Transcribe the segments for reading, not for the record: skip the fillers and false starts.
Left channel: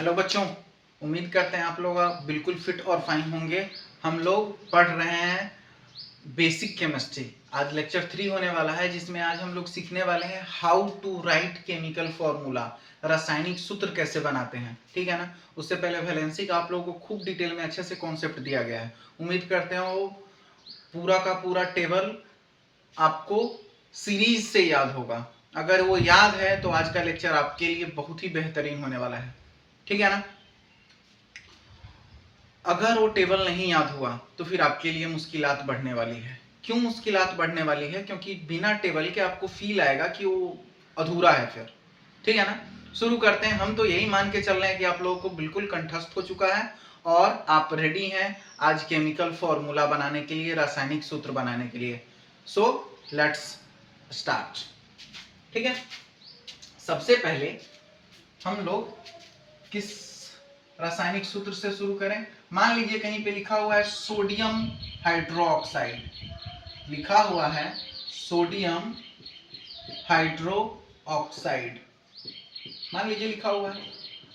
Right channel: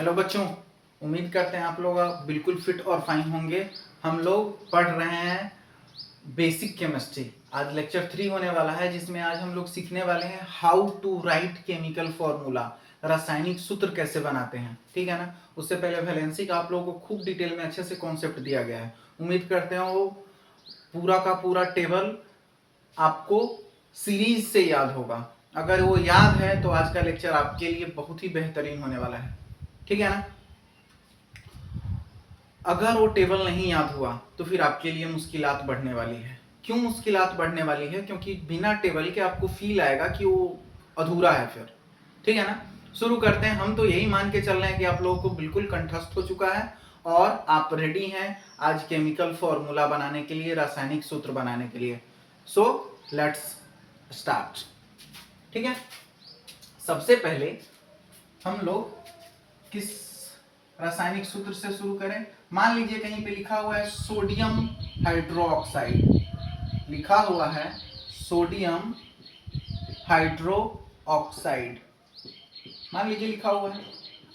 Hello बच्चों, उम्मीद करते हैं आप लोग बिल्कुल फिट और फाइन होंगे। हम लोग पढ़ रहे हैं बेसिक केमिस्ट्री। आज लेक्चर 3 होने वाला है, जिसमें आज हम लोग सीखने वाले हैं how to write chemical formula, रासायनिक सूत्र कैसे बनाते हैं। ठीक है ना। उससे पहले वैलेंसी का आप लोगों को खूब डिटेल में अच्छे से कॉन्सेप्ट दिया गया है। उम्मीद करते हैं वो पूरा का पूरा टेबल आपको सीरीज से याद होगा। अगर वो याद है तो आज का लेक्चर आपके लिए बहुत ही बेहतरीन होने वाला है। ठीक है ना। अगर वो टेबल नहीं याद हुआ तो फिर आपके लिए मुश्किलात बढ़ने वाली है। क्यों मुश्किलात बढ़ने वाली है? क्योंकि बिना टेबल के आपको फील आएगा कि वो अधूरा है फिर। ठीक है ना। शुरू करते हैं। हम तो यही मान के चल रहे हैं कि आप लोगों को बिल्कुल कंठस्थ हो चुका है और आप रेडी हैं आज केमिकल फॉर्मूला बनाने के लिए, रासायनिक सूत्र बनाने के लिए। So let's start. ठीक है। सबसे पहले हम लोग किस रासायनिक सूत्र से शुरू करें? मान लीजिए कहीं पे लिखा हुआ है सोडियम हाइड्रोक्साइड, लिखा हुआ है सोडियम हाइड्रोक्साइड, मान लीजिए लिखा हुआ है।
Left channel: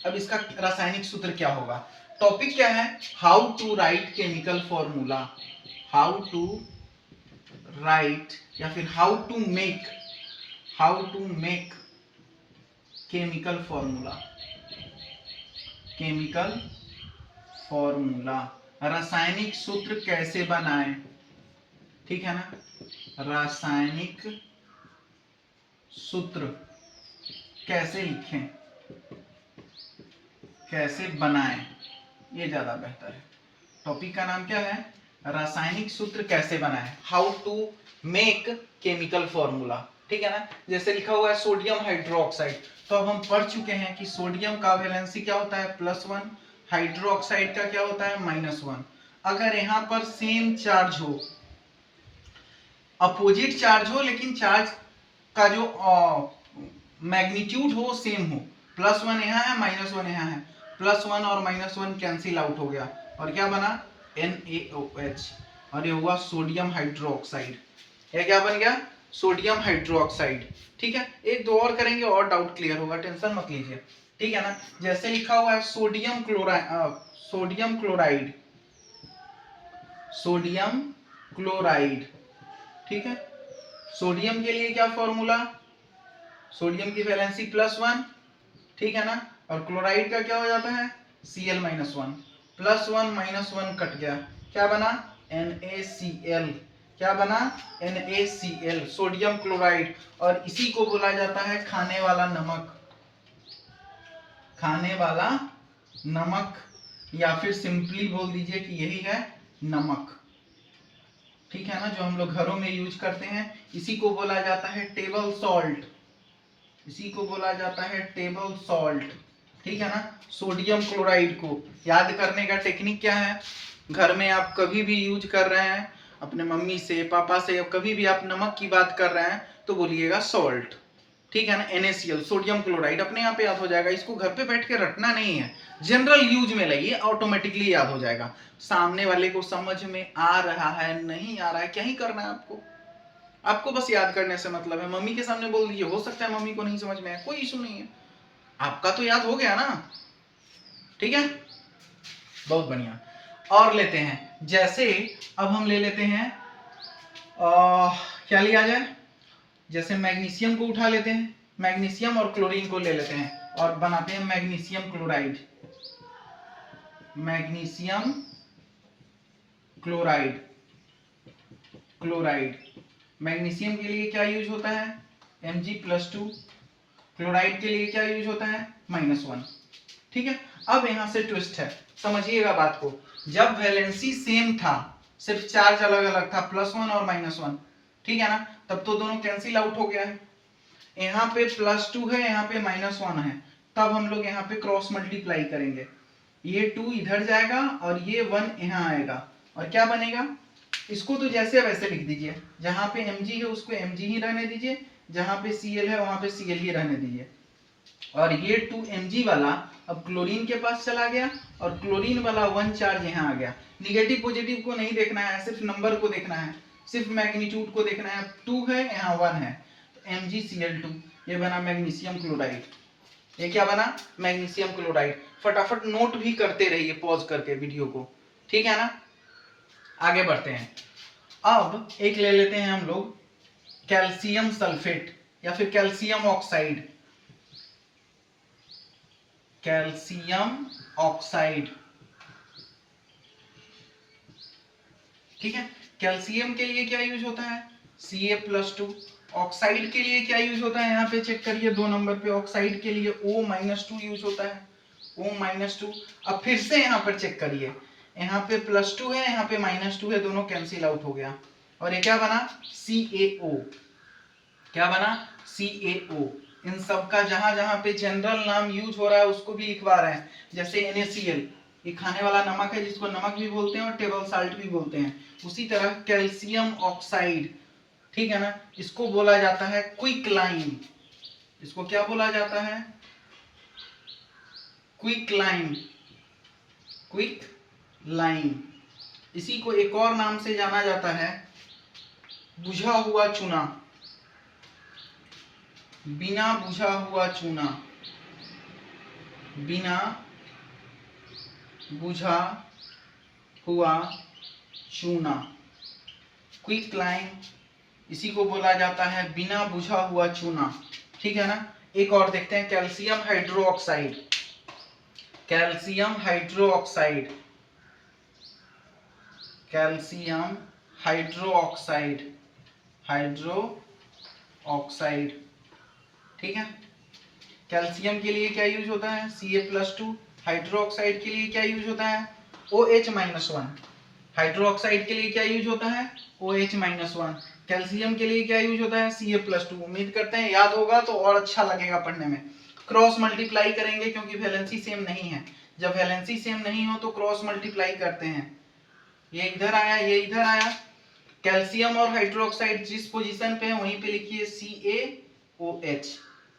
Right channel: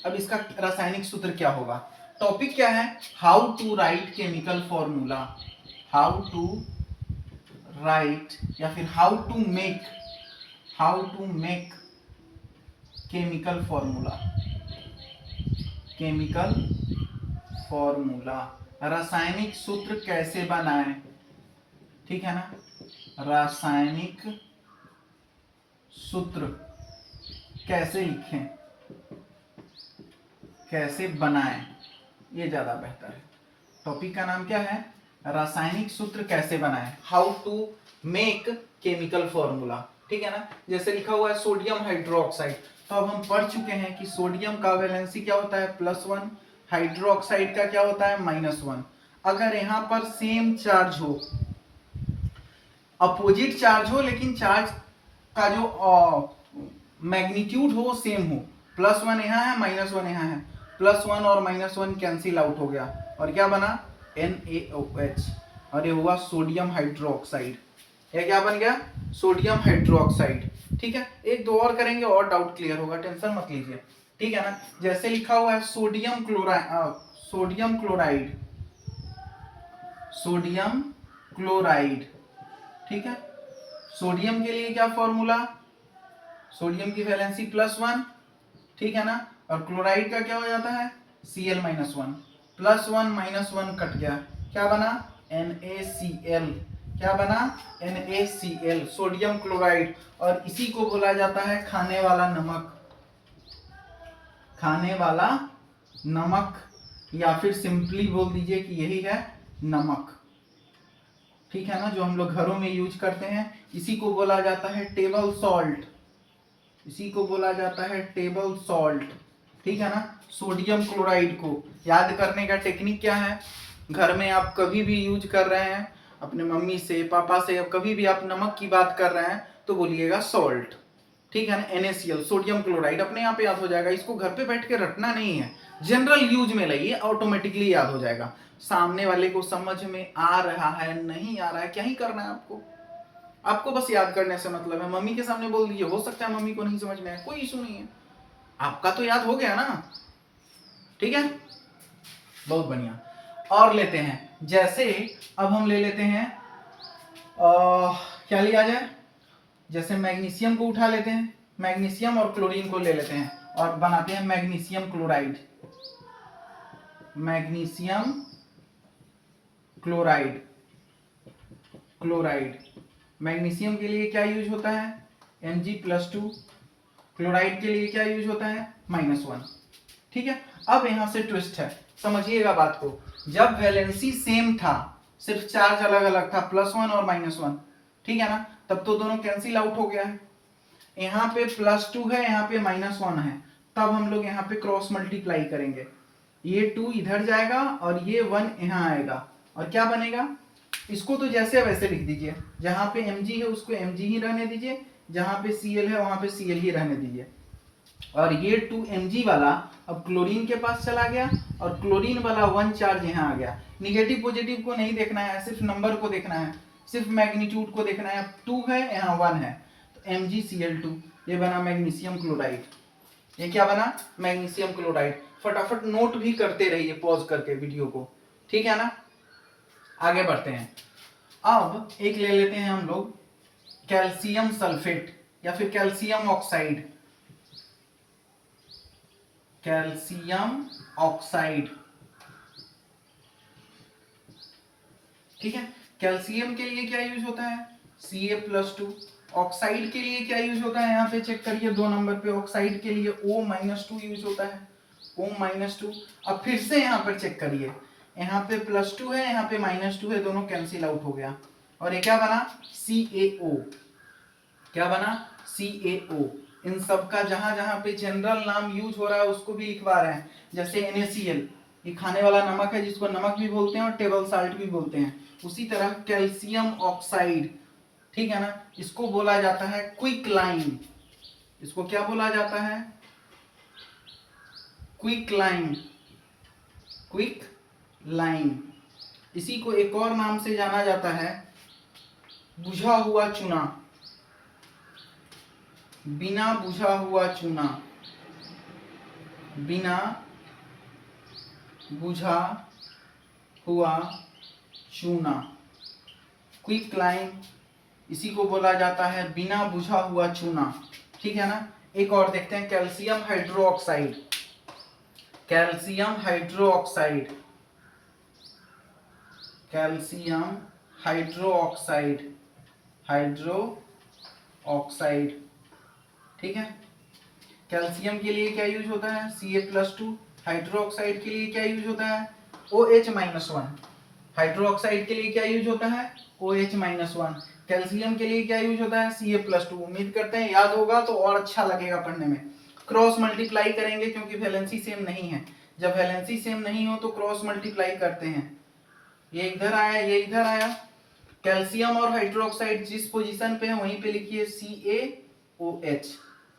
अब इसका रासायनिक सूत्र क्या होगा? टॉपिक क्या है? How to write chemical formula, how to write या फिर how to make chemical formula, chemical formula, रासायनिक सूत्र कैसे बनाएं। ठीक है ना। रासायनिक सूत्र कैसे लिखें, कैसे बनाएं, ये ज्यादा बेहतर है। टॉपिक का नाम क्या है? रासायनिक सूत्र कैसे बनाएं, how to make chemical formula. ठीक है ना। जैसे लिखा हुआ है सोडियम हाइड्रोक्साइड, तो अब हम पढ़ चुके हैं कि सोडियम का वैलेंसी क्या होता है? +1। हाइड्रोक्साइड का क्या होता है? -1। अगर यहां पर सेम चार्ज हो, अपोजिट चार्ज हो, लेकिन चार्ज का जो मैग्नीट्यूड हो सेम हो, +1 यहाँ है, -1 यहाँ है, +1 और -1 कैंसिल आउट हो गया और क्या बना? NaOH, और ये हुआ सोडियम हाइड्रोक्साइड। ये क्या बन गया? Sodium hydroxide. ठीक है। एक दो और करेंगे और डाउट क्लियर होगा, टेंशन मत लीजिए। ठीक है ना। जैसे लिखा हुआ है सोडियम क्लोराइड, सोडियम क्लोराइड। ठीक है। सोडियम के लिए क्या फॉर्मूला? सोडियम की वैलेंसी +1। ठीक है ना। और क्लोराइड का क्या हो जाता है? Cl-1। +1 -1 कट गया, क्या बना? NaCl। क्या बना? NaCl, sodium chloride. और इसी को बोला जाता है खाने वाला नमक, खाने वाला नमक, या फिर सिंपली बोल दीजिए कि यही है नमक। ठीक है ना। जो हम लोग घरों में यूज करते हैं, इसी को बोला जाता है टेबल सॉल्ट, इसी को बोला जाता है टेबल सॉल्ट। ठीक है ना। सोडियम क्लोराइड को याद करने का टेक्निक क्या है? घर में आप कभी भी यूज कर रहे हैं, अपने मम्मी से, पापा से, कभी भी आप नमक की बात कर रहे हैं तो बोलिएगा सॉल्ट। ठीक है ना। NaCl, सोडियम क्लोराइड, अपने आप याद हो जाएगा। इसको घर पे बैठ के रटना नहीं है, जनरल यूज में लाइए, ऑटोमेटिकली याद हो जाएगा। सामने वाले को समझ में आ रहा है, नहीं आ रहा है, क्या ही करना है आपको? आपको बस याद करने से मतलब है। मम्मी के सामने बोल दीजिए, हो सकता है मम्मी को नहीं समझ में आए, कोई इशू नहीं है, आपका तो याद हो गया ना। ठीक है, बहुत बढ़िया। और लेते हैं, जैसे अब हम ले लेते हैं क्या लिया जाए? जैसे मैग्नीशियम को उठा लेते हैं, मैग्नीशियम और क्लोरीन को ले लेते हैं और बनाते हैं magnesium chloride, magnesium chloride, chloride. Magnesium के लिए क्या यूज होता है? Mg+2। क्लोराइड के लिए क्या यूज होता है? -1। ठीक है। अब यहां से ट्विस्ट है, समझिएगा बात को। जब वैलेंसी सेम था, सिर्फ चार्ज अलग अलग था, +1 और -1, ठीक है ना, तब तो दोनों कैंसिल आउट हो गया है। यहाँ पे +2 है, यहाँ पे -1 है, तब हम लोग यहाँ पे क्रॉस मल्टीप्लाई करेंगे। ये 2 इधर जाएगा और ये 1 यहाँ आएगा, और क्या बनेगा? इसको तो जैसे वैसे लिख दीजिए, जहां पे Mg है उसको Mg ही रहने दीजिए, जहां पे Cl है वहां पे Cl ही रहने दीजिए। और ये 2Mg वाला अब क्लोरीन के पास चला गया और क्लोरीन वाला 1 चार्ज यहाँ आ गया। निगेटिव पॉजिटिव को नहीं देखना है, सिर्फ नंबर को देखना है, सिर्फ मैग्नीट्यूड को देखना है। 2 है, यहाँ 1 है, तो MgCl2, ये बना मैग्नीशियम क्लोराइड। ये क्या बना, मैग्नीशियम क्लोराइड। फटाफट नोट भी करते रहिए पॉज करके वीडियो को, ठीक है ना। आगे बढ़ते हैं। अब एक ले लेते हैं हम लोग कैल्शियम सल्फेट या फिर कैल्शियम ऑक्साइड। कैल्शियम ऑक्साइड, ठीक है। कैल्शियम के लिए क्या यूज होता है, Ca+2। ऑक्साइड के लिए क्या यूज होता है, यहाँ पे चेक करिए 2 नंबर पे, ऑक्साइड के लिए O-2 यूज होता है, O-2। अब फिर से यहाँ पर चेक करिए, यहाँ पे +2 है, यहाँ पे -2 है, दोनों कैंसिल आउट हो गया और ये क्या बना, CaO। क्या बना, CaO। इन सब का जहां जहां पे जनरल नाम यूज हो रहा है उसको भी लिखवा रहे हैं, जैसे NaCl, ये खाने वाला नमक है जिसको नमक भी बोलते हैं और टेबल साल्ट भी बोलते हैं। उसी तरह कैल्शियम ऑक्साइड, ठीक है ना, इसको बोला जाता है क्विक लाइम। इसको क्या बोला जाता है, क्विक लाइम, क्विक लाइम। इसी को एक और नाम से जाना जाता है बुझा हुआ चूना, बिना बुझा हुआ चूना, बिना बुझा हुआ चूना, क्विक लाइम, इसी को बोला जाता है बिना बुझा हुआ चूना, ठीक है ना। एक और देखते हैं calcium hydroxide. Calcium hydroxide, calcium hydroxide, hydroxide, ठीक है। कैल्शियम के लिए क्या यूज होता है, Ca+2। हाइड्रोक्साइड के लिए क्या यूज होता है, OH-1। हाइड्रोक्साइड के लिए क्या यूज होता है, OH-1। कैल्शियम के लिए क्या यूज होता है, Ca+2। उम्मीद करते हैं याद होगा तो और अच्छा लगेगा पढ़ने में। क्रॉस मल्टीप्लाई करेंगे क्योंकि वैलेंसी सेम नहीं है, जब वैलेंसी सेम नहीं हो तो क्रॉस मल्टीप्लाई करते हैं। ये इधर आया, ये इधर आया। कैल्शियम और हाइड्रोक्साइड जिस पोजीशन पे है वहीं पे लिखिए CaOH।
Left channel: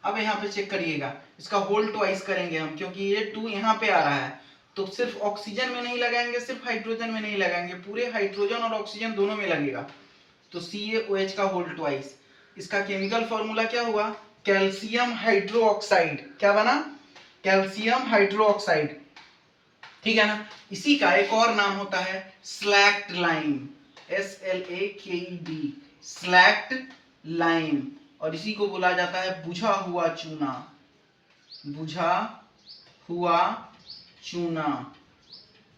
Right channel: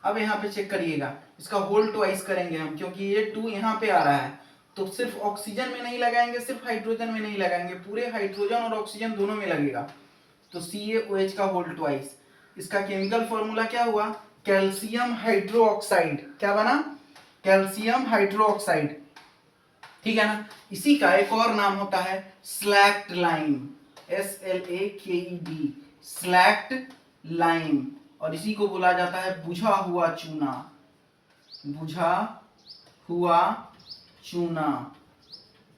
अब यहाँ पे चेक करिएगा, इसका होल ट्वाइस करेंगे हम, क्योंकि ये 2 यहाँ पे आ रहा है, तो सिर्फ ऑक्सीजन में नहीं लगाएंगे, सिर्फ हाइड्रोजन में नहीं लगाएंगे, पूरे हाइड्रोजन और ऑक्सीजन दोनों में लगेगा। तो CaOH का होल ट्वाइस। इसका केमिकल फॉर्मूला क्या हुआ, कैल्शियम हाइड्रोक्साइड। क्या बना, कैल्शियम हाइड्रोक्साइड, ठीक है ना। इसी का एक और नाम होता है slaked lime, SLAKED, slaked lime. और इसी को बोला जाता है बुझा हुआ चूना, बुझा हुआ चूना,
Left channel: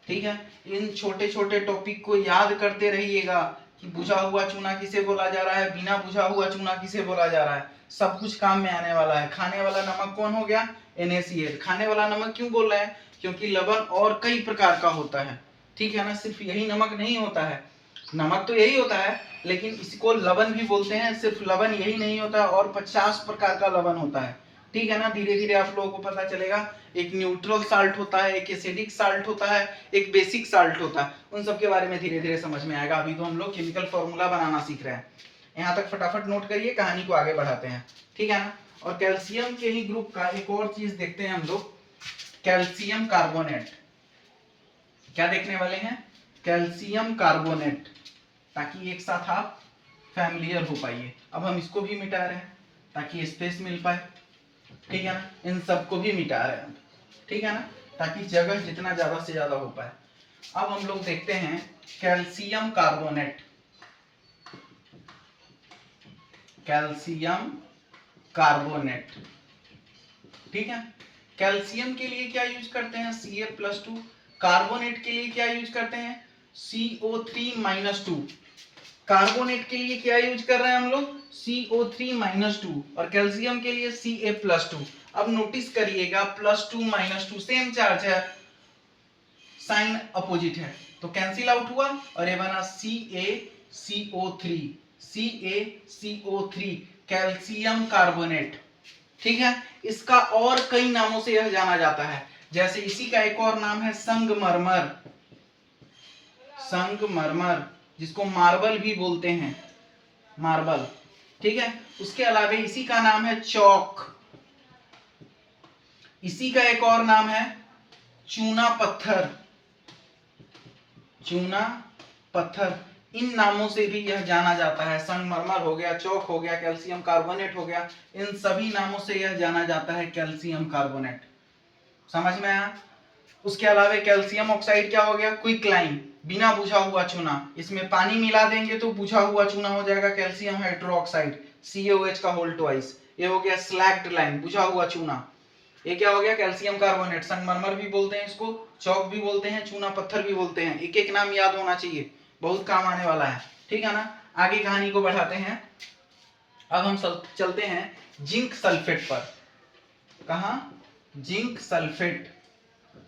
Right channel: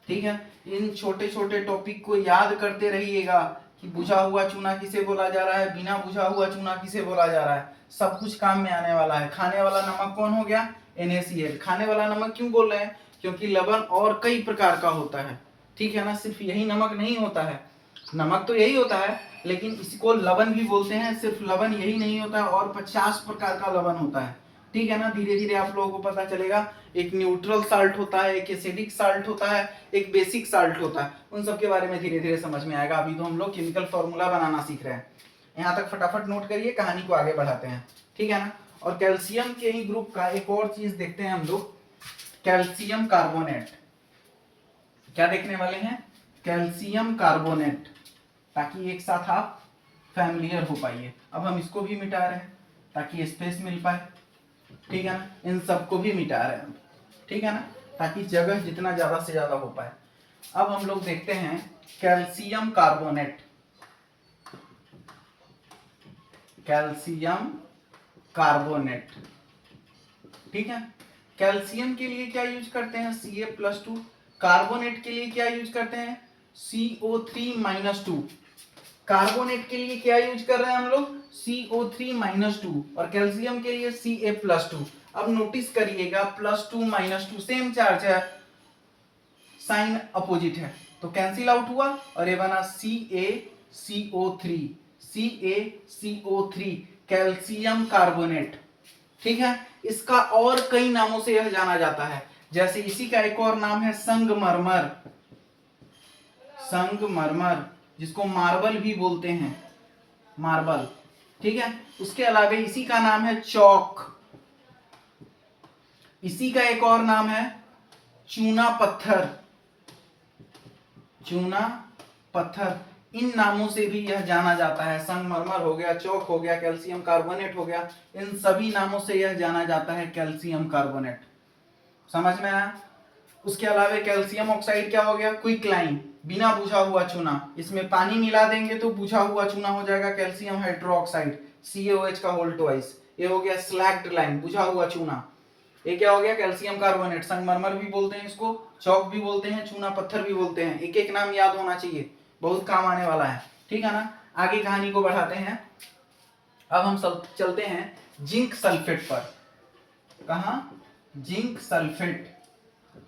ठीक है। इन छोटे छोटे टॉपिक को याद करते रहिएगा कि बुझा हुआ चूना किसे बोला जा रहा है, बिना बुझा हुआ चूना किसे बोला जा रहा है, सब कुछ काम में आने वाला है। खाने वाला नमक कौन हो गया, NaCl। खाने वाला नमक क्यों बोल रहे हैं, क्योंकि लवण और कई प्रकार का होता है, ठीक है ना, सिर्फ यही नमक नहीं होता है। नमक तो यही होता है, लेकिन इसको लवण भी बोलते हैं। सिर्फ लवण यही नहीं होता, और 50 प्रकार का लवण होता है, ठीक है ना। धीरे धीरे आप लोगों को पता चलेगा। एक न्यूट्रल साल्ट होता है, एक एसिडिक साल्ट होता है, एक बेसिक साल्ट होता है। उन सब के बारे में धीरे धीरे समझ में आएगा। अभी तो हम लोग केमिकल फॉर्मूला बनाना सीख रहे हैं। यहाँ तक फटाफट नोट करिए, कहानी को आगे बढ़ाते हैं, ठीक है ना। और कैल्शियम के ही ग्रुप का एक और चीज देखते हैं हम लोग, कैल्शियम कार्बोनेट। क्या देखने वाले हैं, कैल्शियम कार्बोनेट, ताकि एक साथ आप फैमिलियर हो पाइए। अब हम इसको भी मिटा रहे हैं ताकि स्पेस मिल पाए, ठीक है ना। इन सबको भी मिटा रहे हैं, ठीक है ना, ताकि जगह जितना ज्यादा से ज्यादा हो पाए। अब हम लोग देखते हैं कैल्शियम कार्बोनेट, कैल्शियम कार्बोनेट, ठीक है। कैल्शियम के लिए क्या यूज करते हैं, Ca+2। कार्बोनेट के लिए क्या यूज करते हैं, CO3-2। कार्बोनेट के लिए क्या यूज कर रहे हैं हम लोग, CO3-2। और कैल्शियम के लिए Ca+2। अब नोटिस करिएगा +2 - 2 सेम चार्ज है, साइन अपोजिट है, तो कैंसिल आउट हुआ और ये बना CaCO3, CaCO3, कैल्शियम कार्बोनेट, ठीक है। इसका और कई नामों से यह जाना जाता है, जैसे इसी का एक और नाम है संगमरमर, संगमरमर, जिसको मार्बल भी बोलते हैं, मार्बल, ठीक है। उसके अलावा इसी का नाम है चौक, इसी का एक और नाम है चूना पत्थर, चूना पत्थर। इन नामों से भी यह जाना जाता है। संगमरमर हो गया, चौक हो गया, कैल्शियम कार्बोनेट हो गया, इन सभी नामों से यह जाना जाता है कैल्शियम कार्बोनेट। समझ में आया? उसके अलावा कैल्शियम ऑक्साइड क्या हो गया? क्विकलाइन, बिना बुझा हुआ चूना। इसमें पानी मिला देंगे तो बुझा हुआ चूना हो जाएगा कैल्शियम हाइड्रोक्साइड, CaOH का होल ट्वाइस। ये हो गया स्लैग्ड लाइन, बुझा हुआ चूना। ये क्या हो गया? Calcium carbonate. संगमरमर भी बोलते हैं इसको, चौक भी बोलते हैं, चूना पत्थर भी बोलते हैं। एक एक नाम याद होना चाहिए, बहुत काम आने वाला है। ठीक है ना? आगे कहानी को बढ़ाते हैं। अब हम चलते हैं जिंक सल्फेट पर। कहा? जिंक सल्फेट,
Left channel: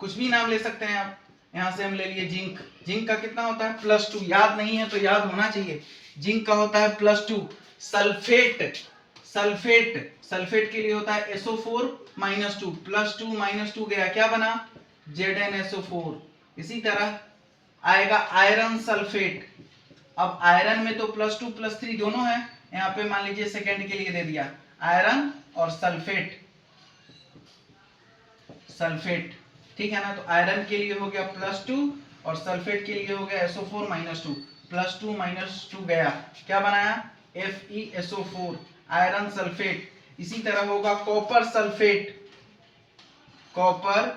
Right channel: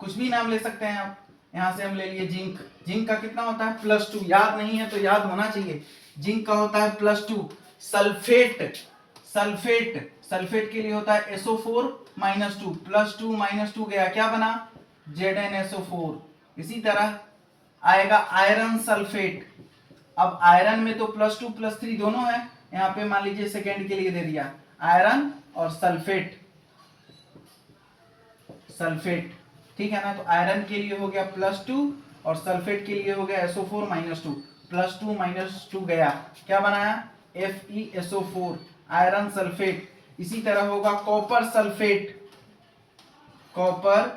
कुछ भी नाम ले सकते हैं आप। यहां से हम ले लिए जिंक। जिंक का कितना होता है? +2। याद नहीं है तो याद होना चाहिए। जिंक का होता है +2। सल्फेट, सल्फेट, सल्फेट के लिए होता है SO4 -2। +2 -2 गया, क्या बना? ZnSO4। इसी तरह आएगा आयरन सल्फेट। अब आयरन में तो +2 +3 दोनों है, यहाँ पे मान लीजिए सेकेंड के लिए दे दिया आयरन और सल्फेट, सल्फेट। ठीक है ना? तो आयरन के लिए हो गया +2 और सल्फेट के लिए हो गया SO4 -2। +2 -2 गया, क्या बनाया? FeSO4, iron sulphate. इसी तरह होगा copper sulphate, copper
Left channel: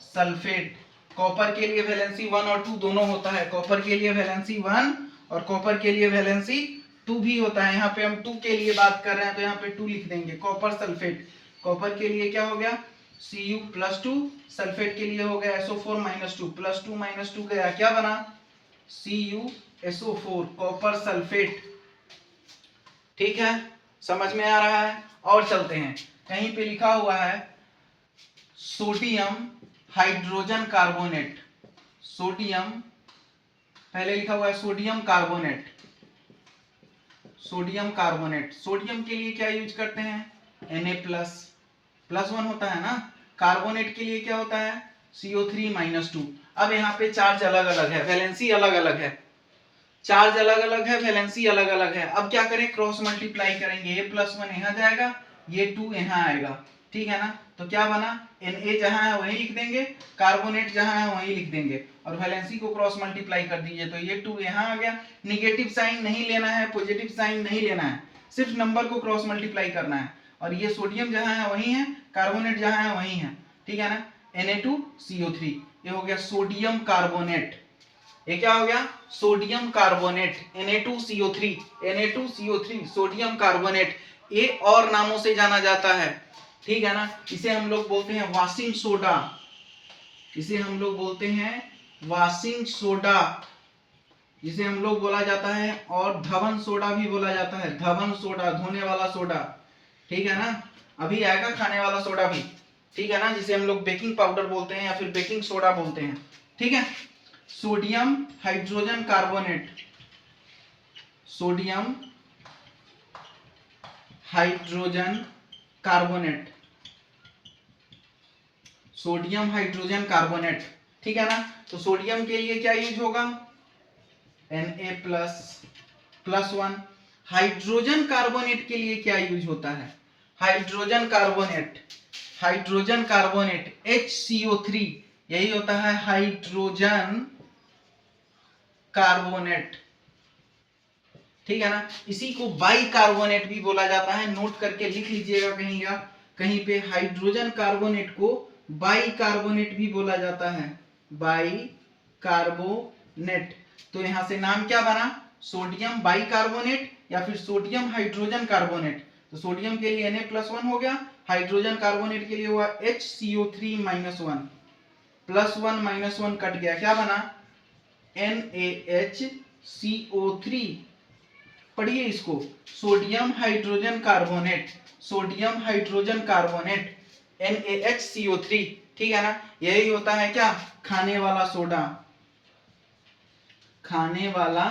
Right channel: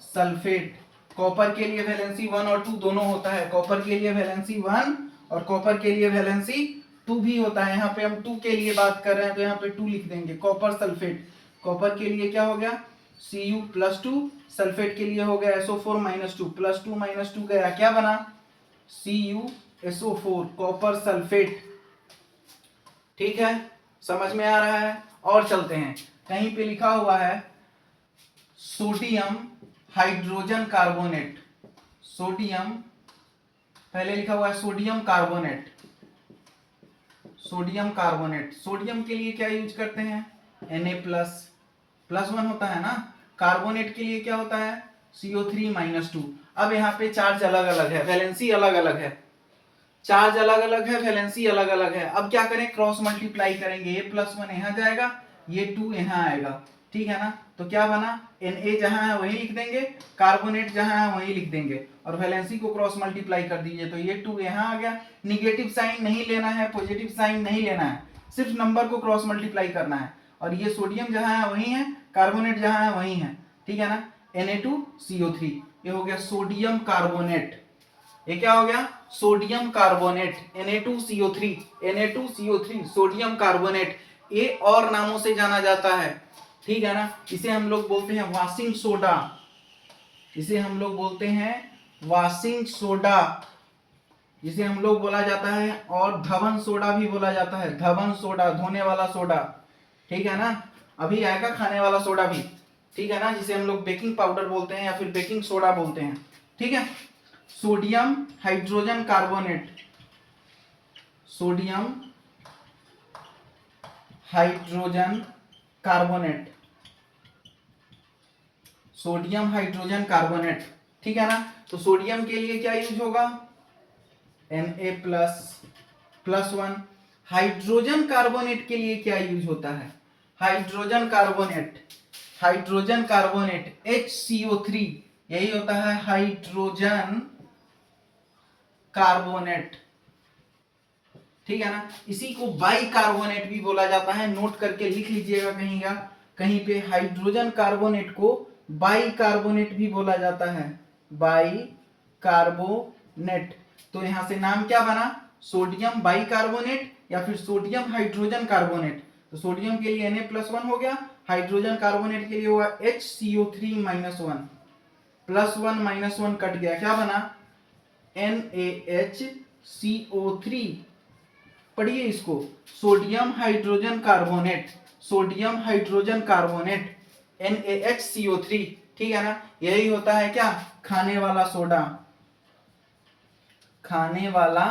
sulphate. Copper के लिए वैलेंसी 1 और 2 दोनों होता है। कॉपर के लिए वैलेंसी 1 और कॉपर के लिए वैलेंसी 2 भी होता है। यहाँ पे हम 2 के लिए बात कर रहे हैं तो यहाँ पे 2 लिख देंगे। कॉपर सल्फेट, कॉपर के लिए क्या हो गया? Cu +2, सल्फेट के लिए हो गया SO4 -2। +2 -2 गया, क्या बना? CuSO4, copper sulphate. ठीक है, समझ में आ रहा है? और चलते हैं, कहीं पे लिखा हुआ है सोडियम हाइड्रोजन कार्बोनेट। सोडियम, पहले लिखा हुआ है sodium carbonate, sodium carbonate. Sodium के लिए क्या यूज करते हैं? Na+, +1 होता है ना। कार्बोनेट के लिए क्या होता है? CO3 -2। अब यहाँ पे चार्ज अलग अलग है, वैलेंसी अलग अलग है, चार्ज अलग अलग है, वैलेंसी अलग अलग है। अब क्या करें? क्रॉस मल्टीप्लाई करेंगे। ये +1 यहाँ जाएगा, ये 2 यहाँ आएगा। ठीक है ना? तो क्या बना? Na जहां है वही लिख देंगे, कार्बोनेट जहां है वही लिख देंगे, और वैलेंसी को क्रॉस मल्टीप्लाई कर दीजिए तो ये 2 यहाँ आ गया। निगेटिव साइन नहीं लेना है, पॉजिटिव साइन नहीं लेना है, सिर्फ नंबर को क्रॉस मल्टीप्लाई करना है। और ये सोडियम जहां है वही है, कार्बोनेट जहां है वही है। ठीक है ना? Na2CO3, ये हो गया सोडियम कार्बोनेट। ये क्या हो गया? Sodium carbonate, Na2CO3, Na2CO3, sodium carbonate. ये और नामों से जाना जाता है। ठीक है ना? इसे हम लोग बोलते हैं वॉशिंग सोडा, इसे हम लोग बोलते हैं वॉशिंग सोडा, जिसे हम लोग बोला जाता है, और धवन सोडा भी बोला जाता है। धवन सोडा, धोने वाला सोडा। ठीक है ना? अभी आएगा खाने वाला सोडा भी। ठीक है ना? जिसे हम लोग बेकिंग पाउडर बोलते हैं या फिर बेकिंग सोडा बोलते हैं। ठीक है? Sodium hydrogen carbonate, sodium hydrogen carbonate, sodium hydrogen carbonate. ठीक है ना? तो सोडियम के लिए क्या यूज होगा? Na+ +1। हाइड्रोजन कार्बोनेट के लिए क्या यूज होता है? Hydrogen carbonate, hydrogen carbonate HCO3, यही होता है हाइड्रोजन कार्बोनेट। ठीक है ना? इसी को बाइकार्बोनेट भी बोला जाता है, नोट करके लिख लीजिएगा कहीं पे। हाइड्रोजन कार्बोनेट को बाइकार्बोनेट भी बोला जाता है, बाइकार्बोनेट। तो यहां से नाम क्या बना? सोडियम बाइकार्बोनेट या फिर सोडियम हाइड्रोजन कार्बोनेट। तो सोडियम के लिए Na+1 हो गया, हाइड्रोजन कार्बोनेट के लिए हुआ HCO3 -1, +1 -1 कट गया, क्या बना? NaHCO3। पढ़िए इसको, sodium hydrogen carbonate, sodium hydrogen carbonate, NaHCO3। ठीक है ना? यही होता है क्या? खाने वाला सोडा, खाने वाला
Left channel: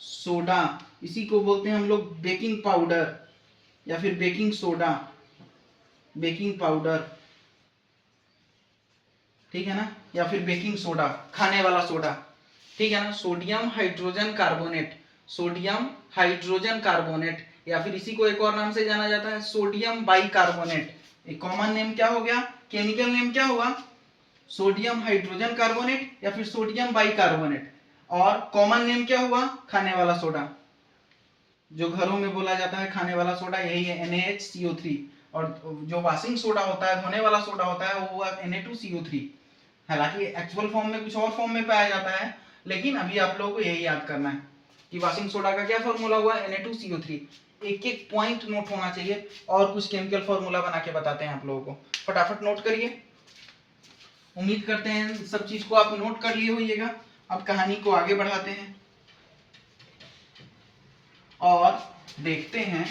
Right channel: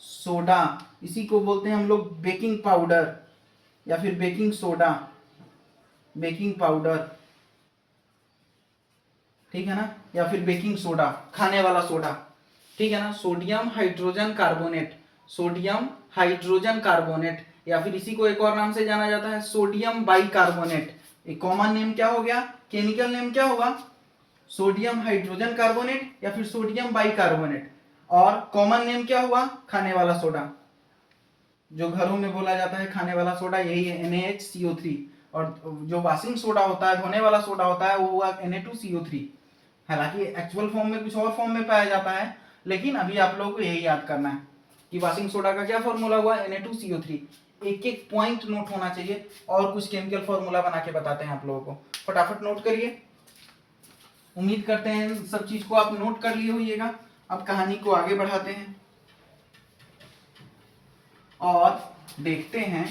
सोडा। इसी को बोलते हैं हम लोग बेकिंग पाउडर या फिर बेकिंग सोडा, बेकिंग पाउडर। ठीक है ना? या फिर बेकिंग सोडा, खाने वाला सोडा। ठीक है ना? Sodium hydrogen carbonate, sodium hydrogen carbonate, या फिर इसी को एक और नाम से जाना जाता है सोडियम बाइकार्बोनेट। एक कॉमन नेम क्या हो गया? केमिकल नेम क्या होगा? सोडियम हाइड्रोजन कार्बोनेट या फिर सोडियम बाइकार्बोनेट। और कॉमन नेम क्या हुआ, खाने वाला सोडा, जो घरों में बोला जाता है खाने वाला सोडा यही है NaHCO3, और जो वॉशिंग सोडा होता है, धोने वाला सोडा होता है, वो हुआ Na2CO3। हालांकि एक्चुअल फॉर्म में कुछ और फॉर्म में पाया जाता है, लेकिन अभी आप लोगों को यही याद करना है कि वॉशिंग सोडा का क्या फॉर्मूला हुआ, Na2CO3। एक एक पॉइंट नोट होना चाहिए, और कुछ केमिकल फॉर्मूला बना के बताते हैं आप लोगों को, फटाफट नोट करिए। उम्मीद करते हैं सब चीज को आप नोट कर लिए होइएगा। अब कहानी को आगे बढ़ाते हैं और देखते हैं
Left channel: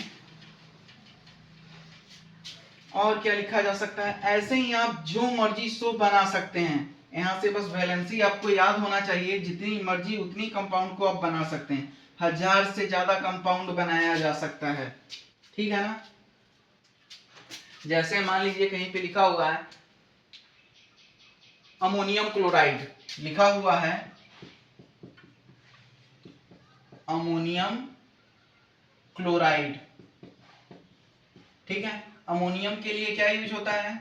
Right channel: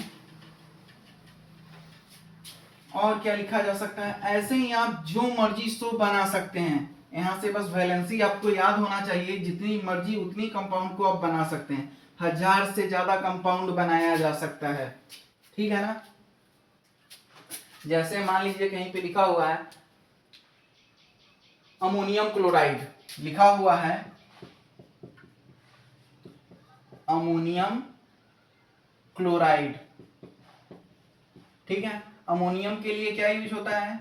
और क्या लिखा जा सकता है। ऐसे ही आप जो मर्जी सो बना सकते हैं, यहां से बस वैलेंसी आपको याद होना चाहिए, जितनी मर्जी उतनी कंपाउंड को आप बना सकते हैं, 1000 से ज्यादा कंपाउंड बनाया जा सकता है, ठीक है ना। जैसे मान लीजिए कहीं पे लिखा हुआ है अमोनियम क्लोराइड, लिखा हुआ है अमोनियम क्लोराइड, ठीक है। अमोनियम के लिए क्या यूज होता है,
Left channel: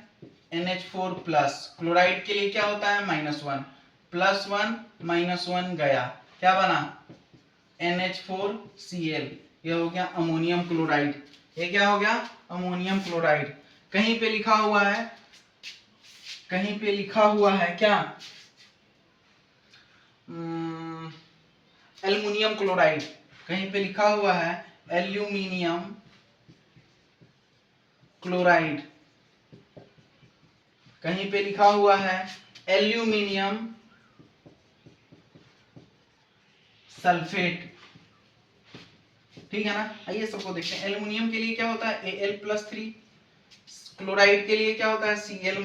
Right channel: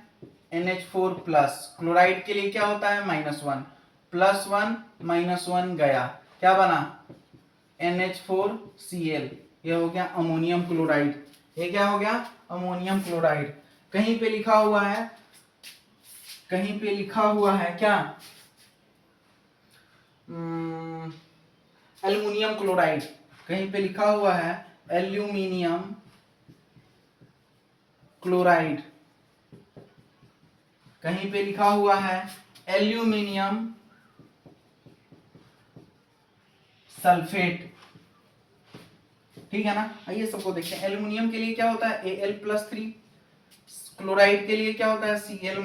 NH4 प्लस, क्लोराइड के लिए क्या होता है -1, +1 -1 गया, क्या बना NH4Cl, ये हो गया अमोनियम क्लोराइड। ये क्या हो गया, अमोनियम क्लोराइड। कहीं पे लिखा हुआ है, कहीं पे लिखा हुआ है क्या, एल्युमिनियम क्लोराइड, कहीं पे लिखा हुआ है एल्यूमिनियम क्लोराइड, कहीं पे लिखा हुआ है एल्यूमिनियम सल्फेट, ठीक है ना। आइए सबको देखते हैं। एल्यूमिनियम के लिए क्या होता है Al+3, क्लोराइड के लिए क्या होता है Cl-,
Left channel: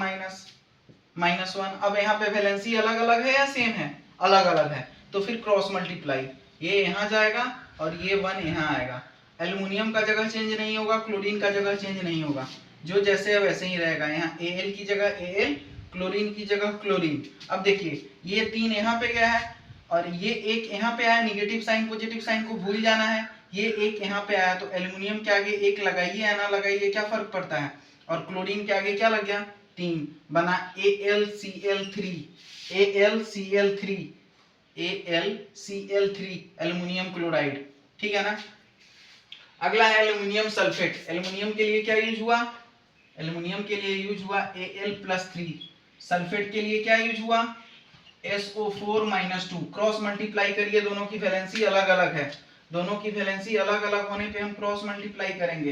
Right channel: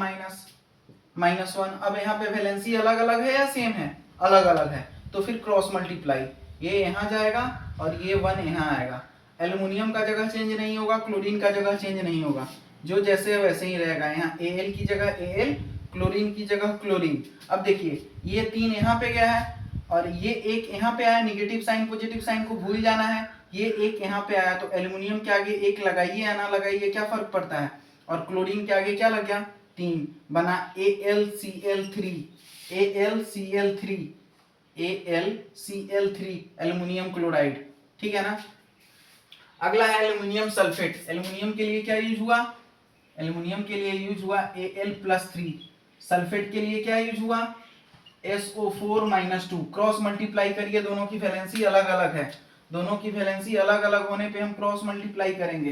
-1। अब यहाँ पे वैलेंसी अलग अलग है या सेम है, अलग अलग है, तो फिर क्रॉस मल्टीप्लाई, ये यहाँ जाएगा और ये 1 यहाँ आएगा। एल्युमिनियम का जगह चेंज नहीं होगा, क्लोरीन का जगह चेंज नहीं होगा, जो जैसे है वैसे ही रहेगा। यहाँ Al की जगह Al, क्लोरीन की जगह क्लोरीन। अब देखिए ये 3 यहाँ पे गया है और ये एक यहाँ पे आया, निगेटिव साइन पॉजिटिव साइन को भूल जाना है, ये एक यहाँ पे आया, तो एल्युमिनियम के आगे एक लगाइए या ना लगाइए क्या फर्क पड़ता है, और क्लोरीन के आगे क्या लग गया 3, बना AlCl3, AlCl3, AlCl3 aluminium chloride, ठीक है ना। अगला है एल्युमिनियम सल्फेट। एल्युमिनियम के लिए क्या यूज हुआ, एल्युमिनियम के लिए यूज हुआ Al+3, सल्फेट के लिए क्या यूज हुआ SO4-2। क्रॉस मल्टीप्लाई करिए, दोनों की वैलेंसी अलग अलग है, दोनों की वैलेंसी अलग अलग होने पे हम क्रॉस मल्टीप्लाई करेंगे,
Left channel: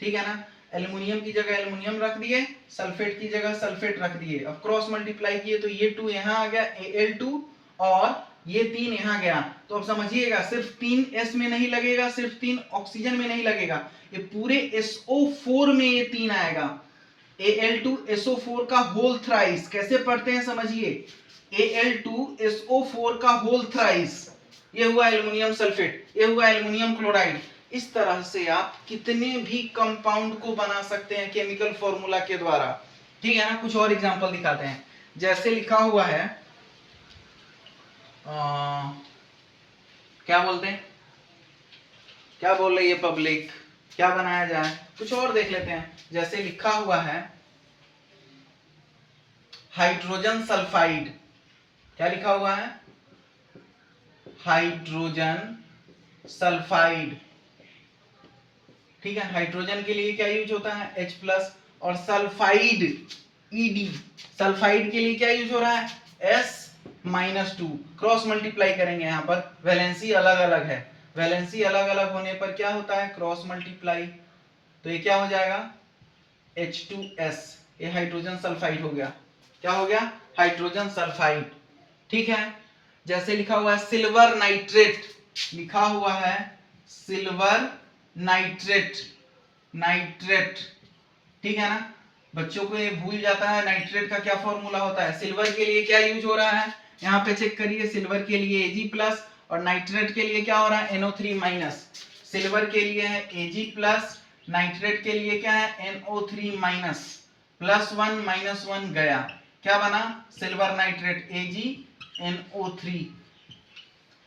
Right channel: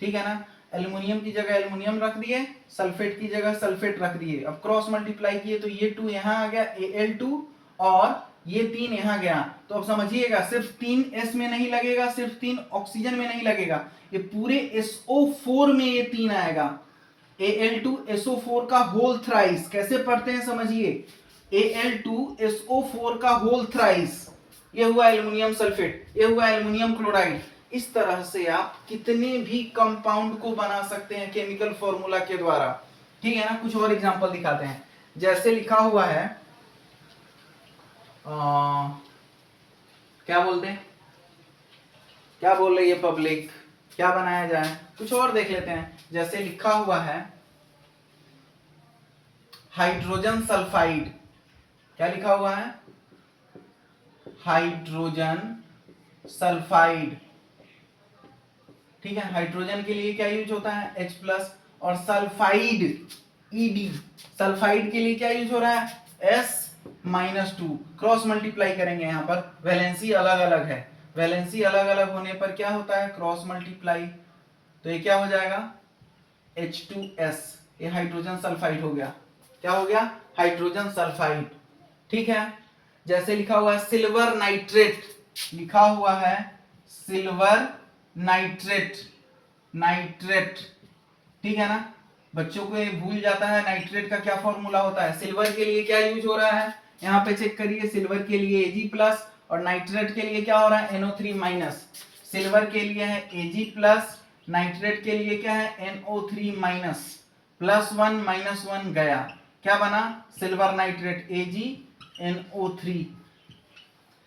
ठीक है ना। एल्युमिनियम की जगह एल्युमिनियम रख दिए, सल्फेट की जगह सल्फेट रख दिए। अब क्रॉस मल्टीप्लाई किए तो ये 2 यहाँ आ गया Al2 और ये 3 यहाँ गया। तो अब समझिएगा सिर्फ 3 S में नहीं लगेगा, सिर्फ 3 ऑक्सीजन में नहीं लगेगा, ये पूरे SO4 में ये 3 आएगा। Al2SO4 का होल थ्राइस, कैसे पढ़ते हैं समझिए, Al2SO4 का होल थ्राइस, ये हुआ एल्युमिनियम सल्फेट, ये हुआ एल्युमिनियम क्लोराइड। इस तरह से आप कितने भी कंपाउंड को बना सकते हैं केमिकल फॉर्मूला के द्वारा, ठीक है ना। कुछ और एग्जांपल दिखाते हैं। जैसे लिखा हुआ है क्या बोलते हैं, क्या बोल रही है पब्लिक, क्या बनाया जाए, कुछ और देख लेते हैं। जैसे लिखा हुआ है हाइड्रोजन सल्फाइड, क्या लिखा हुआ है हाइड्रोजन सल्फाइड, ठीक है। हाइड्रोजन के लिए क्या यूज होता है H+, और सल्फाइड Ed, सल्फाइड के लिए क्या यूज हो रहा है S-2। क्रॉस मल्टीप्लाई करेंगे, यहाँ पर वैलेंसी अलग अलग है, वैलेंसी अलग अलग होने पर क्या होता है क्रॉस मल्टीप्लाई, तो ये क्या हो जाएगा H2S, ये हाइड्रोजन सल्फाइड हो गया, क्या हो गया हाइड्रोजन सल्फाइड, ठीक है। जैसे लिखा हुआ है सिल्वर नाइट्रेट, लिखा हुआ है सिल्वर नाइट्रेट, नाइट्रेट, ठीक है ना। बच्चों को ये भूल जाता है नाइट्रेट का क्या फॉर्मूला होता है। सिल्वर के लिए क्या यूज हो रहा है, यहाँ पे चेक करिए, सिल्वर के लिए Ag+, और नाइट्रेट के लिए क्या हो रहा है NO3-। सिल्वर के लिए है Ag+, नाइट्रेट के लिए क्या है NO3-, +1 -1 गया, क्या बना सिल्वर नाइट्रेट AgNO3।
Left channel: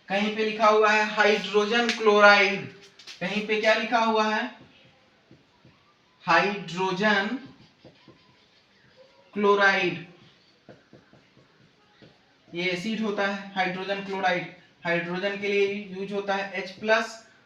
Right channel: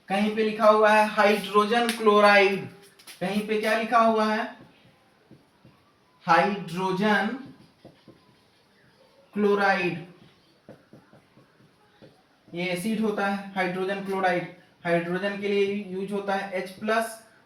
कहीं पे लिखा हुआ है हाइड्रोजन क्लोराइड, कहीं पे क्या लिखा हुआ है हाइड्रोजन क्लोराइड, ये एसिड होता है हाइड्रोजन क्लोराइड। हाइड्रोजन के लिए यूज होता है H+,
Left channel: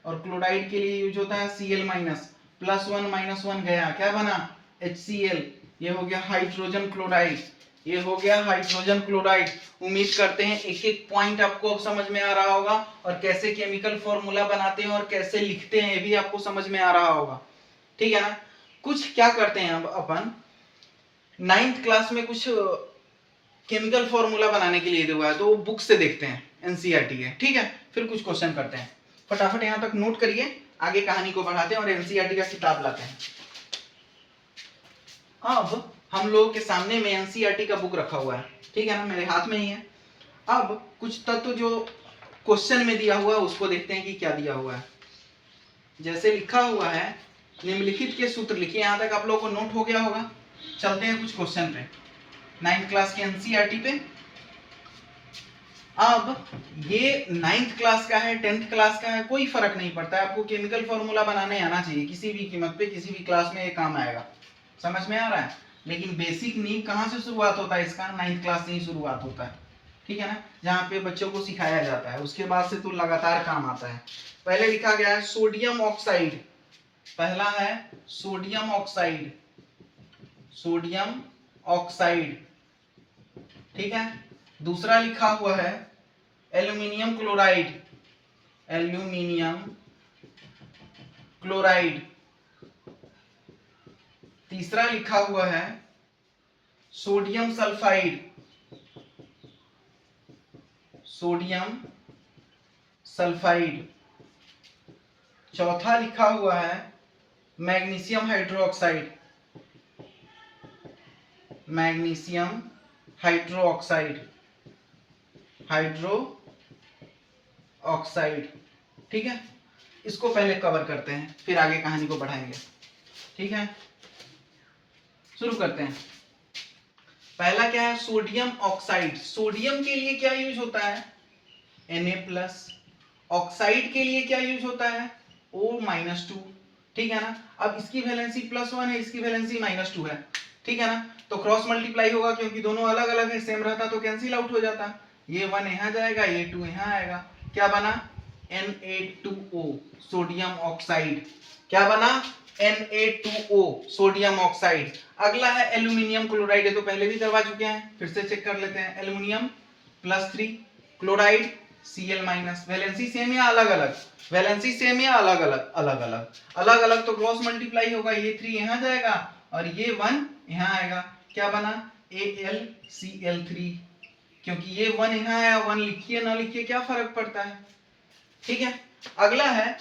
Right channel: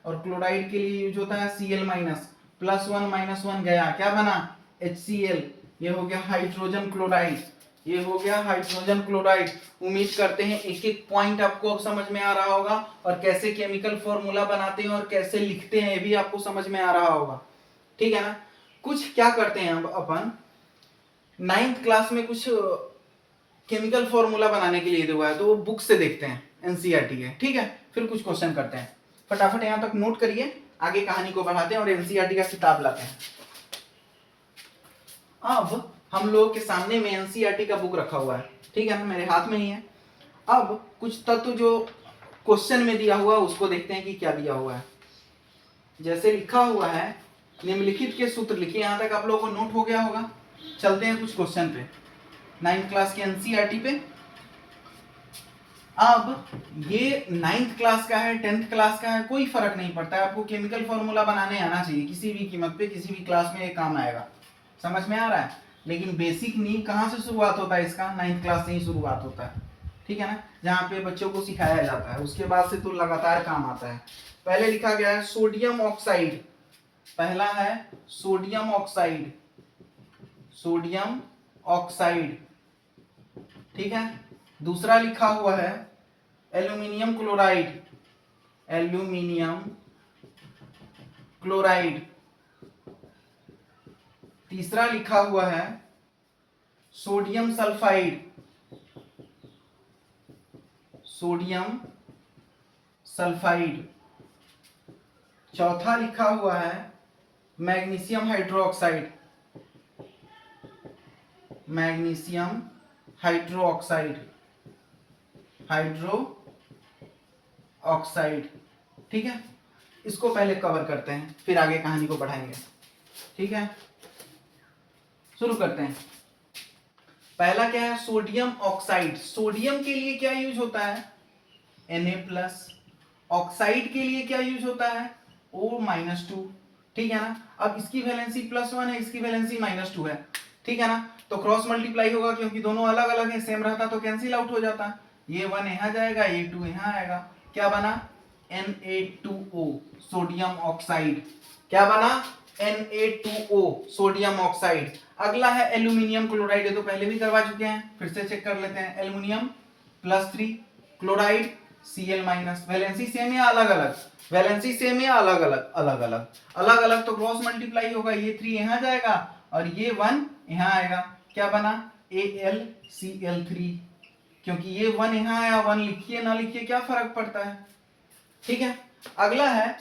और क्लोराइड के लिए यूज होता है Cl-, +1 - 1 गया, क्या बना HCl। ये हो गया हाइड्रोजन क्लोराइड, ये हो गया हाइड्रोजन क्लोराइड। उम्मीद करते हैं एक एक पॉइंट आपको अब समझ में आ रहा होगा, और कैसे केमिकल फॉर्मूला बनाते हैं और कैसे लिखते हैं ये भी आपको समझ में आ रहा होगा, ठीक है ना। कुछ क्या करते हैं अब अपन 9th क्लास में कुछ केमिकल फॉर्मूला बनाने के लिए दिया हुआ है, तो वो बुक से देखते हैं एनसीईआरटी के, ठीक है। फिर कुछ क्वेश्चन करते हैं, फटाफट यहाँ तक नोट करिए, आगे कहानी को बढ़ाते हैं और एनसीईआरटी का किताब लाते हैं। अब हम लोगों के सामने में एनसीईआरटी का बुक रखा हुआ है, ठीक है ना, मेरे हाथ में ही है। अब कुछ तत्व जो क्वेश्चन में दिया हुआ है उसको देखते हैं कि क्या दिया हुआ है। जैसे लिखा हुआ है निम्नलिखित के सूत्र लिखिए, यहाँ तक आप लोगों को नोट हो गया होगा। चलते हैं कुछ क्वेश्चन पे 9th क्लास के एनसीईआरटी पे। अब ये 9th क्लास का है 10th क्लास का है कोई फर्क नहीं पड़ता है, आपको केमिकल फॉर्मूला बनाने आना चाहिए, किसी भी कीमत पे किसी भी क्लास में ये काम आएगा, समझ में आ रहा है। लेकिन बेसिक नींव कहाँ से शुरुआत होता है इसका, 9th क्लास से ही शुरुआत होता है, ठीक है ना, जहाँ पे बच्चों को सिखाया जाता है, उसके बाद से तो लगातार काम आता है। पहले लिखा गया है सोडियम ऑक्साइड, पहला है सोडियम ऑक्साइड, सोडियम ऑक्साइड, ठीक है। दूसरा लिखा हुआ है एल्यूमिनियम क्लोराइड, एल्यूमिनियम क्लोराइड। तीसरा लिखा हुआ है सोडियम सल्फाइड, सोडियम सल्फाइड। चौथा लिखा हुआ है magnesium hydroxide, magnesium hydroxide, hydro oxide, ठीक है। इसको पहले कवर करते हैं फिर आगे कहानी को बढ़ाएंगे, ठीक है। शुरू करते हैं। पहला क्या है सोडियम ऑक्साइड, सोडियम के लिए क्या यूज होता है Na+, ऑक्साइड के लिए क्या यूज होता है O-2, ठीक है ना। अब इसकी वैलेंसी +1 है, इसकी वैलेंसी -2 है, ठीक है ना, तो क्रॉस मल्टीप्लाई होगा क्योंकि दोनों अलग अलग है, सेम रहता तो कैंसिल आउट हो जाता। ये 1 यहाँ जाएगा, ये 2 यहाँ आएगा, क्या बना Na2O सोडियम ऑक्साइड, क्या बना Na2O सोडियम ऑक्साइड। अगला है एल्यूमिनियम क्लोराइड, ये तो पहले भी करवा चुके हैं, फिर से चेक कर लेते हैं। Aluminium +3, chloride Cl-, valency same या अलग अलग, वैलेंसी सेम या अलग अलग, अलग अलग, अलग अलग तो क्रॉस मल्टीप्लाई होगा, ये 3 यहाँ जाएगा और ये 1 यहाँ आएगा, क्या बना AlCl3, क्योंकि ये 1 यहाँ आया, 1 लिखिए ना लिखिए क्या फर्क पड़ता है, ठीक है। अगला है